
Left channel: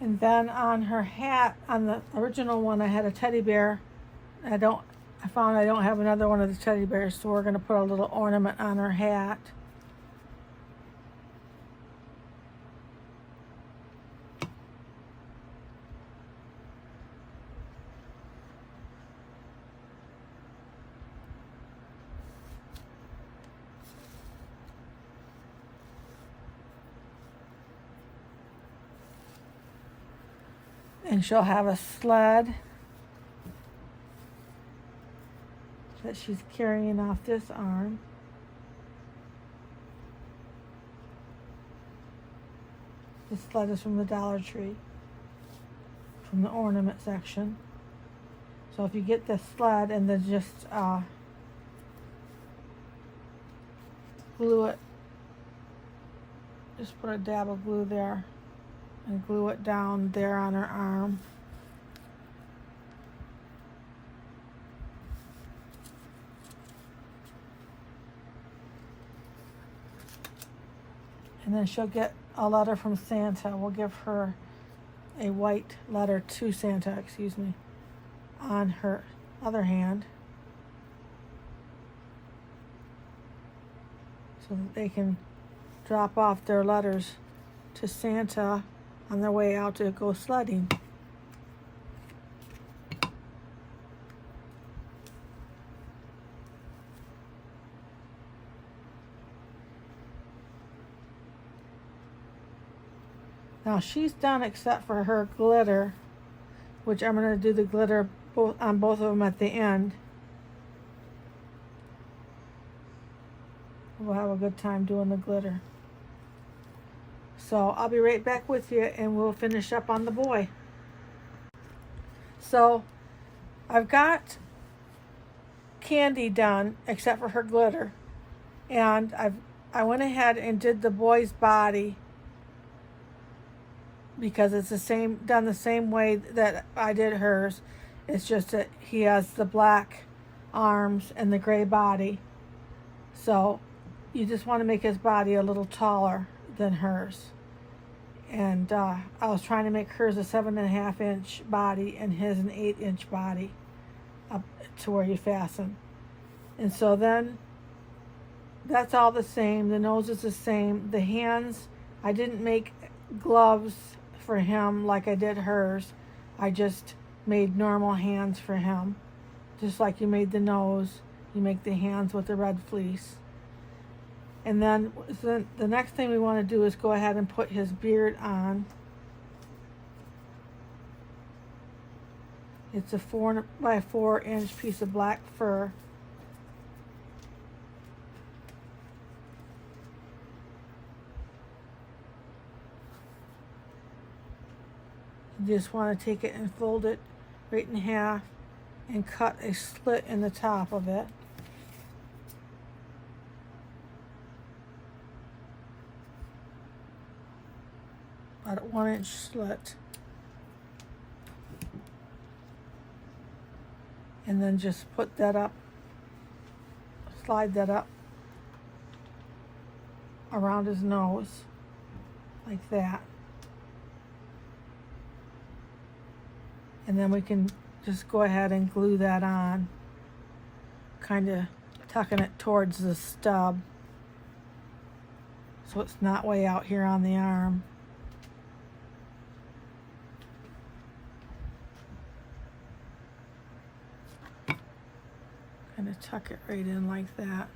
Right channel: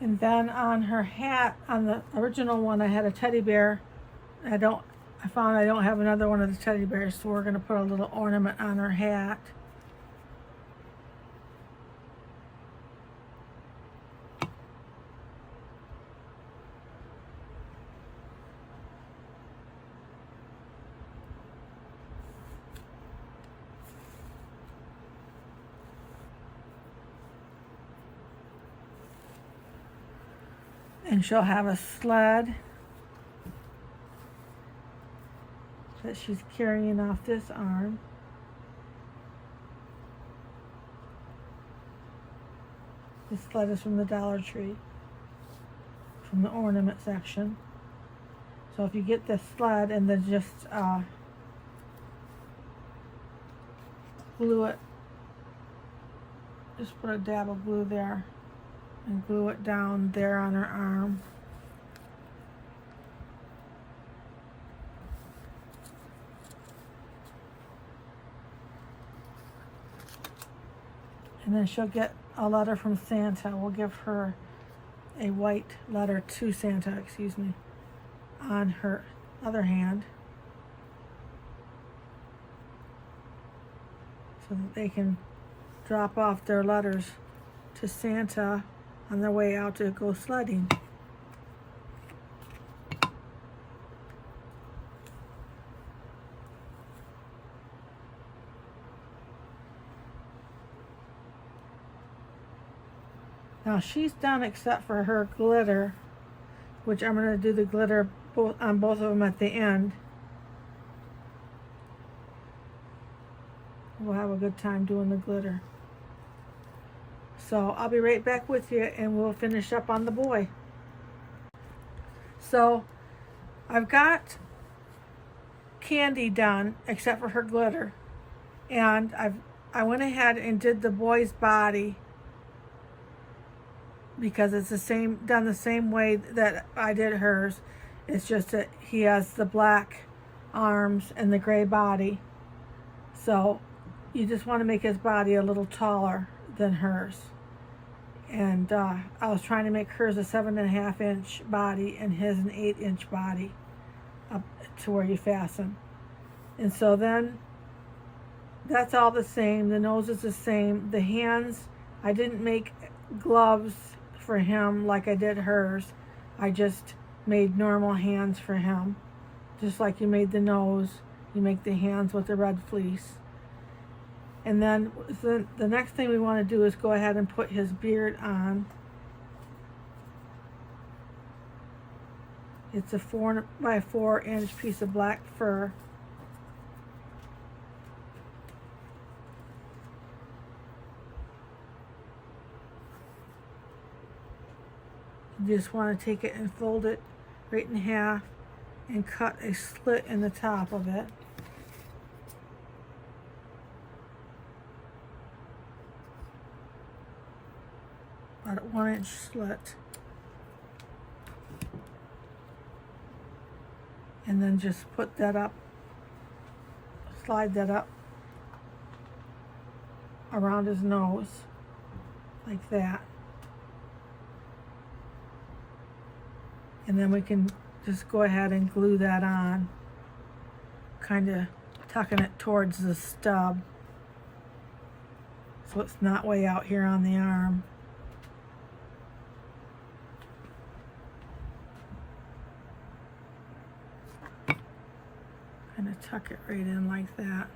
And then on her hat, on the original one, I had a teddy bear. I found I don't have another one of the teddy bears, so we're going to put a little ornament on her hat. And she'll have a sled that she's carrying off this arm. This sled is from the Dollar Tree, from the ornament section. So if you get this sled and then just glue it, just put a dab of glue there and glue it down there on her arm. And then she'll get a letter from Santa. We'll give her a white letter to Santa, on her other hand, so that they can drop off their letters to Santa on their way out to go sledding. Now she's done except for her glitter, which I'm going to do the glitter on both of them at the end. We'll have a good time doing the glitter. So I'll be right back with you and we'll finish up on the boy. So I've got Candy done except for her glitter. And I went ahead and did the boy's body because it's done the same way that I did hers. It's just that he has the black arms and the gray body. So you just want to make his body a little taller than hers. And I was trying to make hers a 7.5 inch body and his an 8 inch body up to where you fasten. And so then that's all the same. The nose is the same. The hands, I didn't make gloves for him like I did hers. I just made normal hands for him. Just like you made the nose, you make the hands with the red fleece. And then the next thing we want to do is go ahead and put his beard on. It's a 4x4 inch piece of black fur. You just want to take it and fold it right in half and cut a slit in the top of it. About a 1 inch slit. And then just put that up, slide that up around his nose like that. And then we can just go ahead and glue that on, kind of tucking it towards the stub so it's not way out here on the arm. Kind of tuck it right in like that.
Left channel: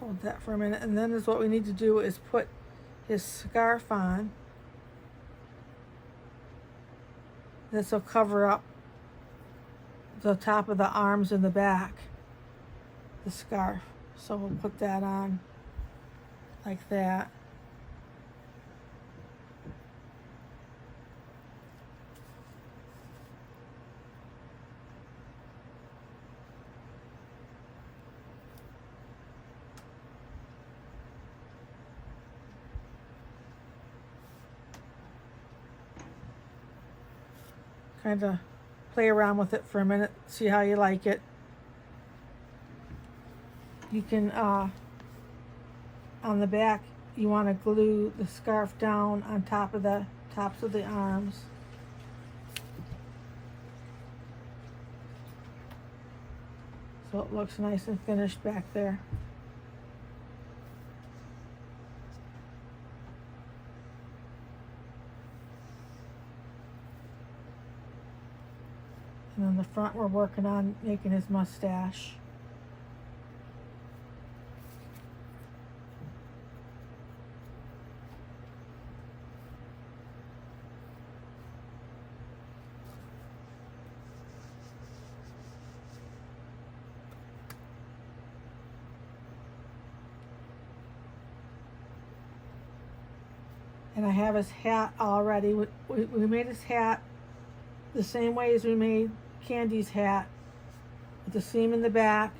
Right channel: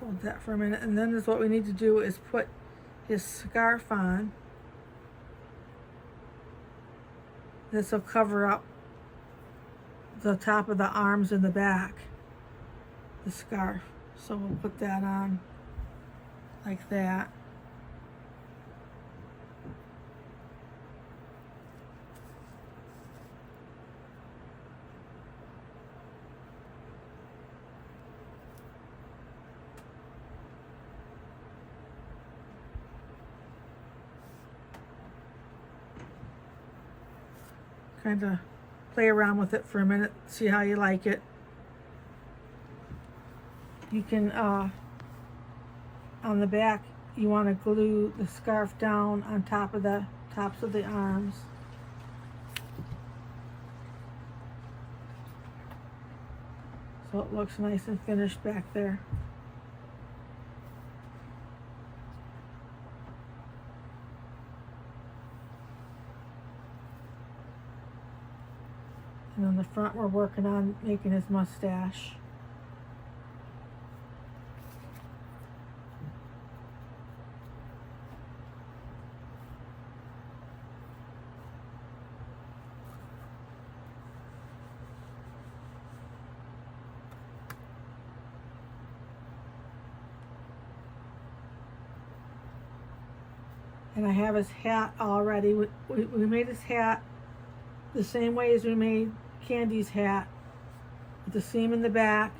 Hold that for a minute, and then is what we need to do is put his scarf on. This will cover up the top of the arms and the back, the scarf. So we'll put that on like that. Kind of play around with it for a minute, see how you like it. You can, on the back, you want to glue the scarf down on top of the tops of the arms. So it looks nice and finished back there. And on the front, we're working on making his mustache. And I have his hat already. We made his hat the same way as we made Candy's hat, with the seam in the back.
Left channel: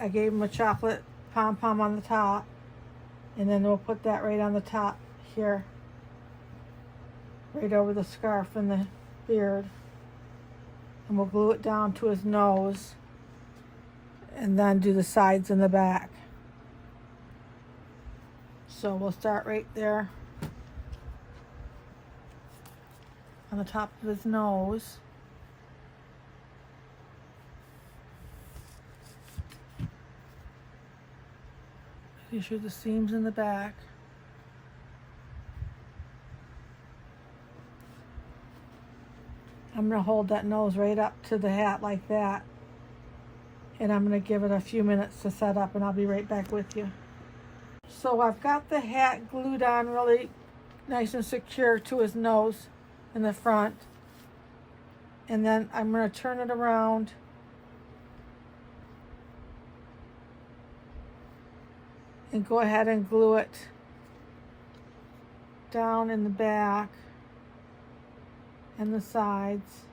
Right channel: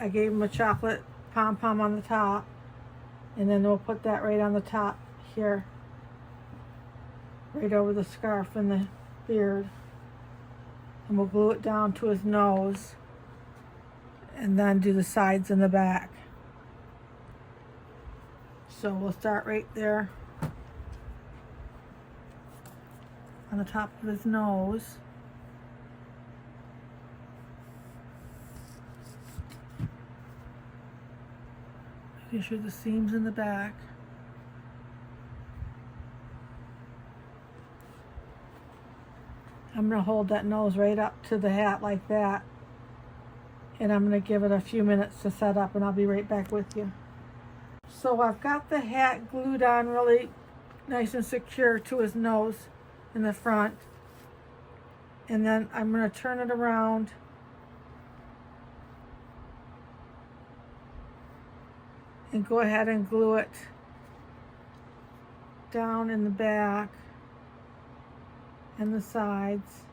I gave him a chocolate pom-pom on the top, and then we'll put that right on the top here, right over the scarf and the beard, and we'll glue it down to his nose, and then do the sides and the back. So we'll start right there on the top of his nose. Making sure the seams in the back. I'm going to hold that nose right up to the hat like that. And I'm going to give it a few minutes to set up, and I'll be right back with you. So I've got the hat glued on really nice and secure to his nose in the front. And then I'm going to turn it around and go ahead and glue it down in the back and the sides.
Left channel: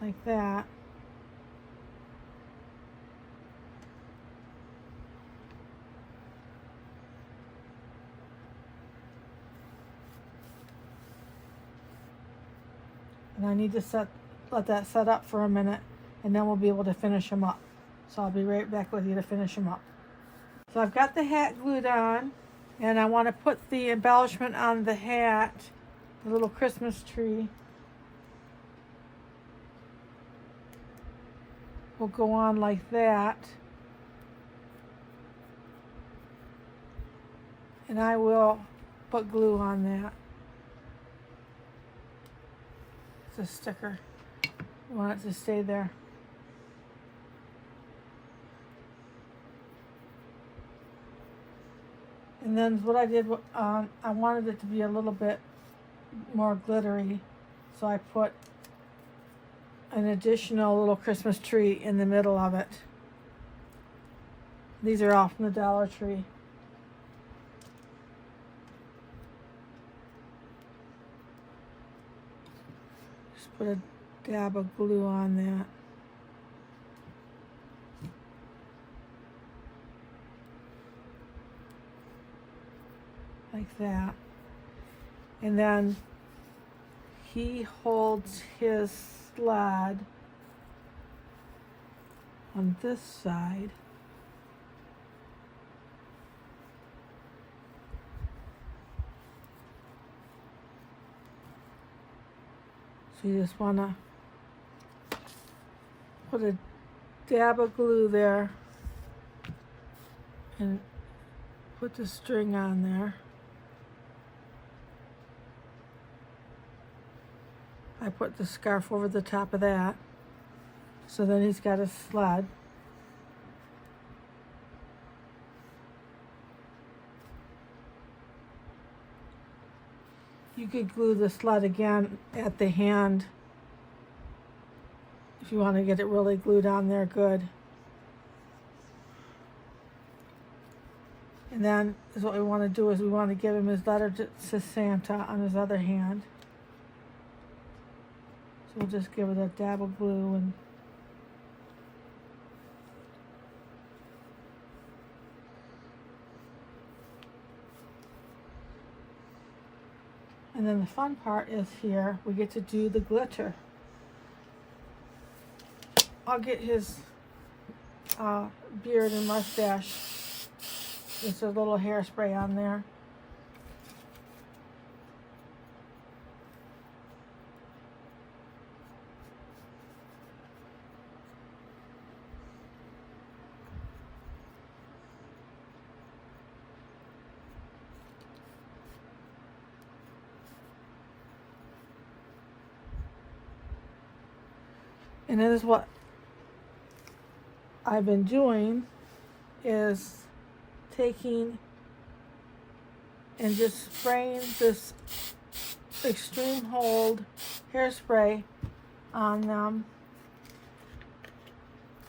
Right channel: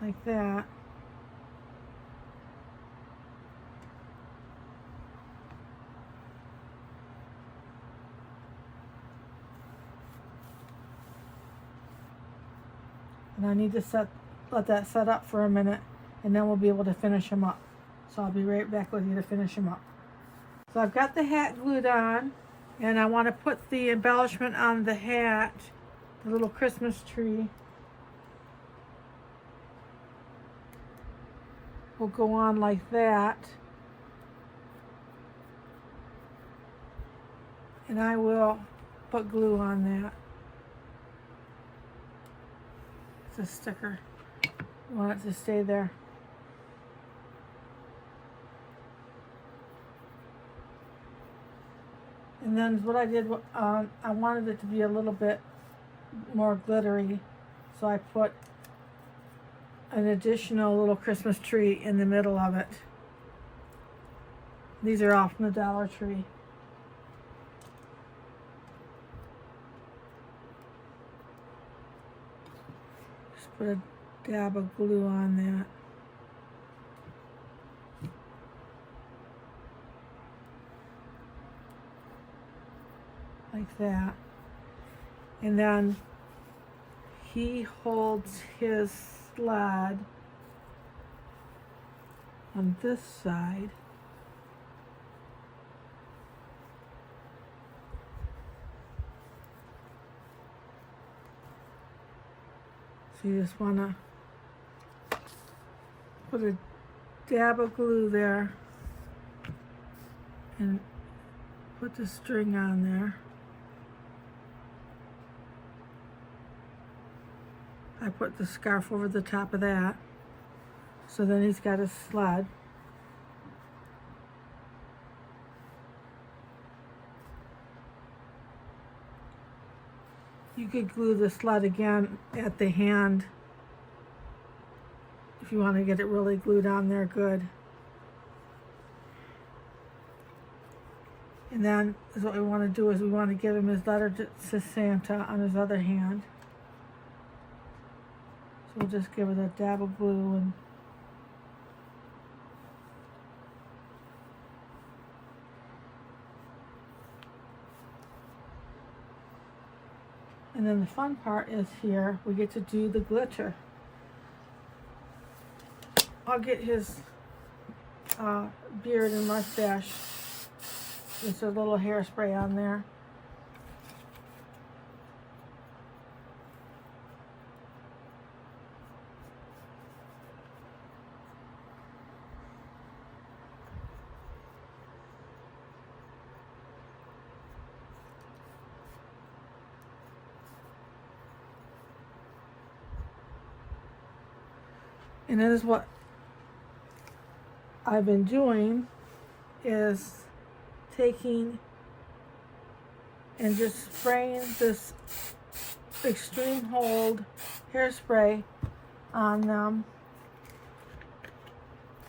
Like that. And I need to let that set up for a minute, and then we'll be able to finish them up. So I'll be right back with you to finish them up. So I've got the hat glued on, and I want to put the embellishment on the hat, the little Christmas tree. Will go on like that. And I will put glue on that. It's a sticker. I want it to stay there. And then what I did, I wanted it to be a little bit more glittery, so I put an additional little Christmas tree in the middle of it. These are all from the Dollar Tree. Just put a dab of glue on that. Like that. And then he holds his sled on this side. So you just want to put a dab of glue there and put the string on there. I put the scarf over the top of that. So then he's got a sled. You could glue the sled again at the hand if you want to get it really glued on there good. And then is what we want to do is we want to give him his letter to Santa on his other hand. So we'll just give it a dab of glue and then the fun part is here, we get to do the glitter. I'll get his beard and mustache. There's a little hairspray on there. And that is what I've been doing, is taking and just spraying this extreme hold hairspray on them,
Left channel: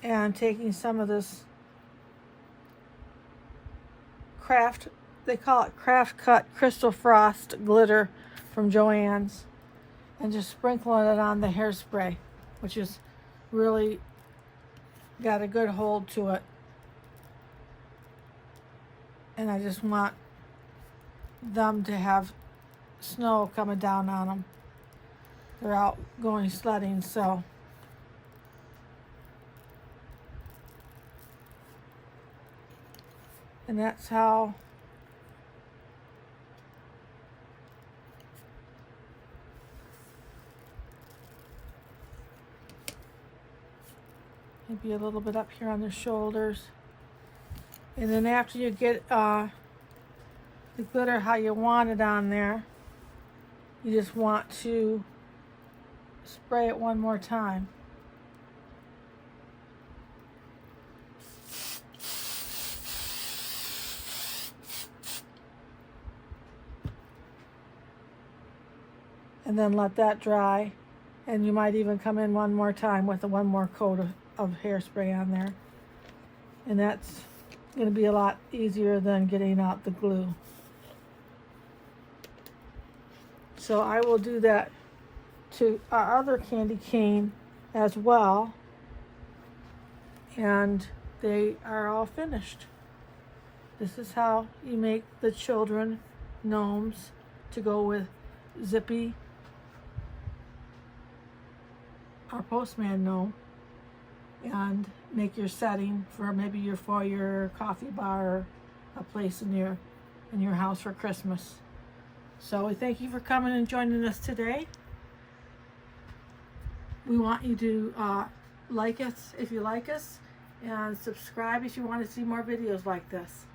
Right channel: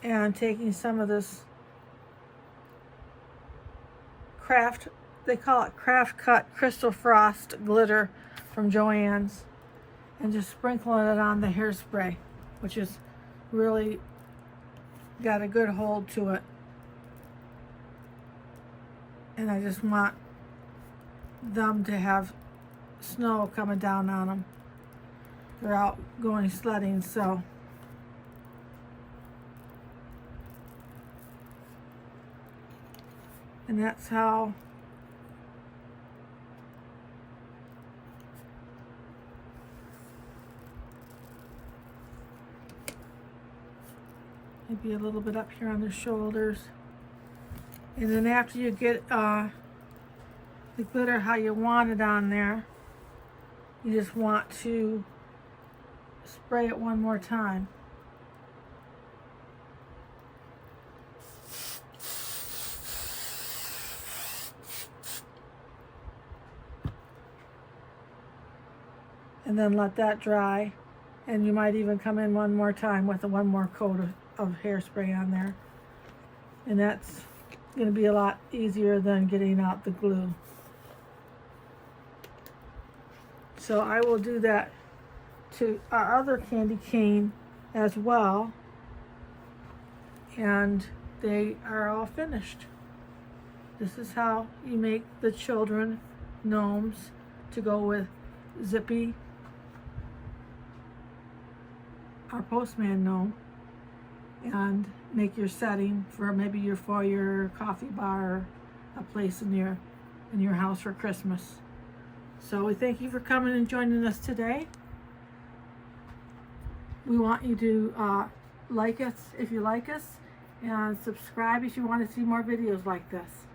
and taking some of this they call it craft cut crystal frost glitter from Joann's, and just sprinkling it on the hairspray, which is really got a good hold to it. And I just want them to have snow coming down on them. They're out going sledding, so and that's how maybe a little bit up here on the shoulders. And then after you get the glitter how you want it on there, you just want to spray it one more time. And then let that dry, and you might even come in one more time with one more coat of hairspray on there. and that's going to be a lot easier than getting out the glue. So I will do that to our other candy cane as well, and they are all finished. This is how you make the children gnomes to go with Zippy, our postman gnome, and make your setting for maybe your foyer, coffee bar, a place in your house for Christmas. So we thank you for coming and joining us today. We want you to like us if you like us, and subscribe if you want to see more videos like this.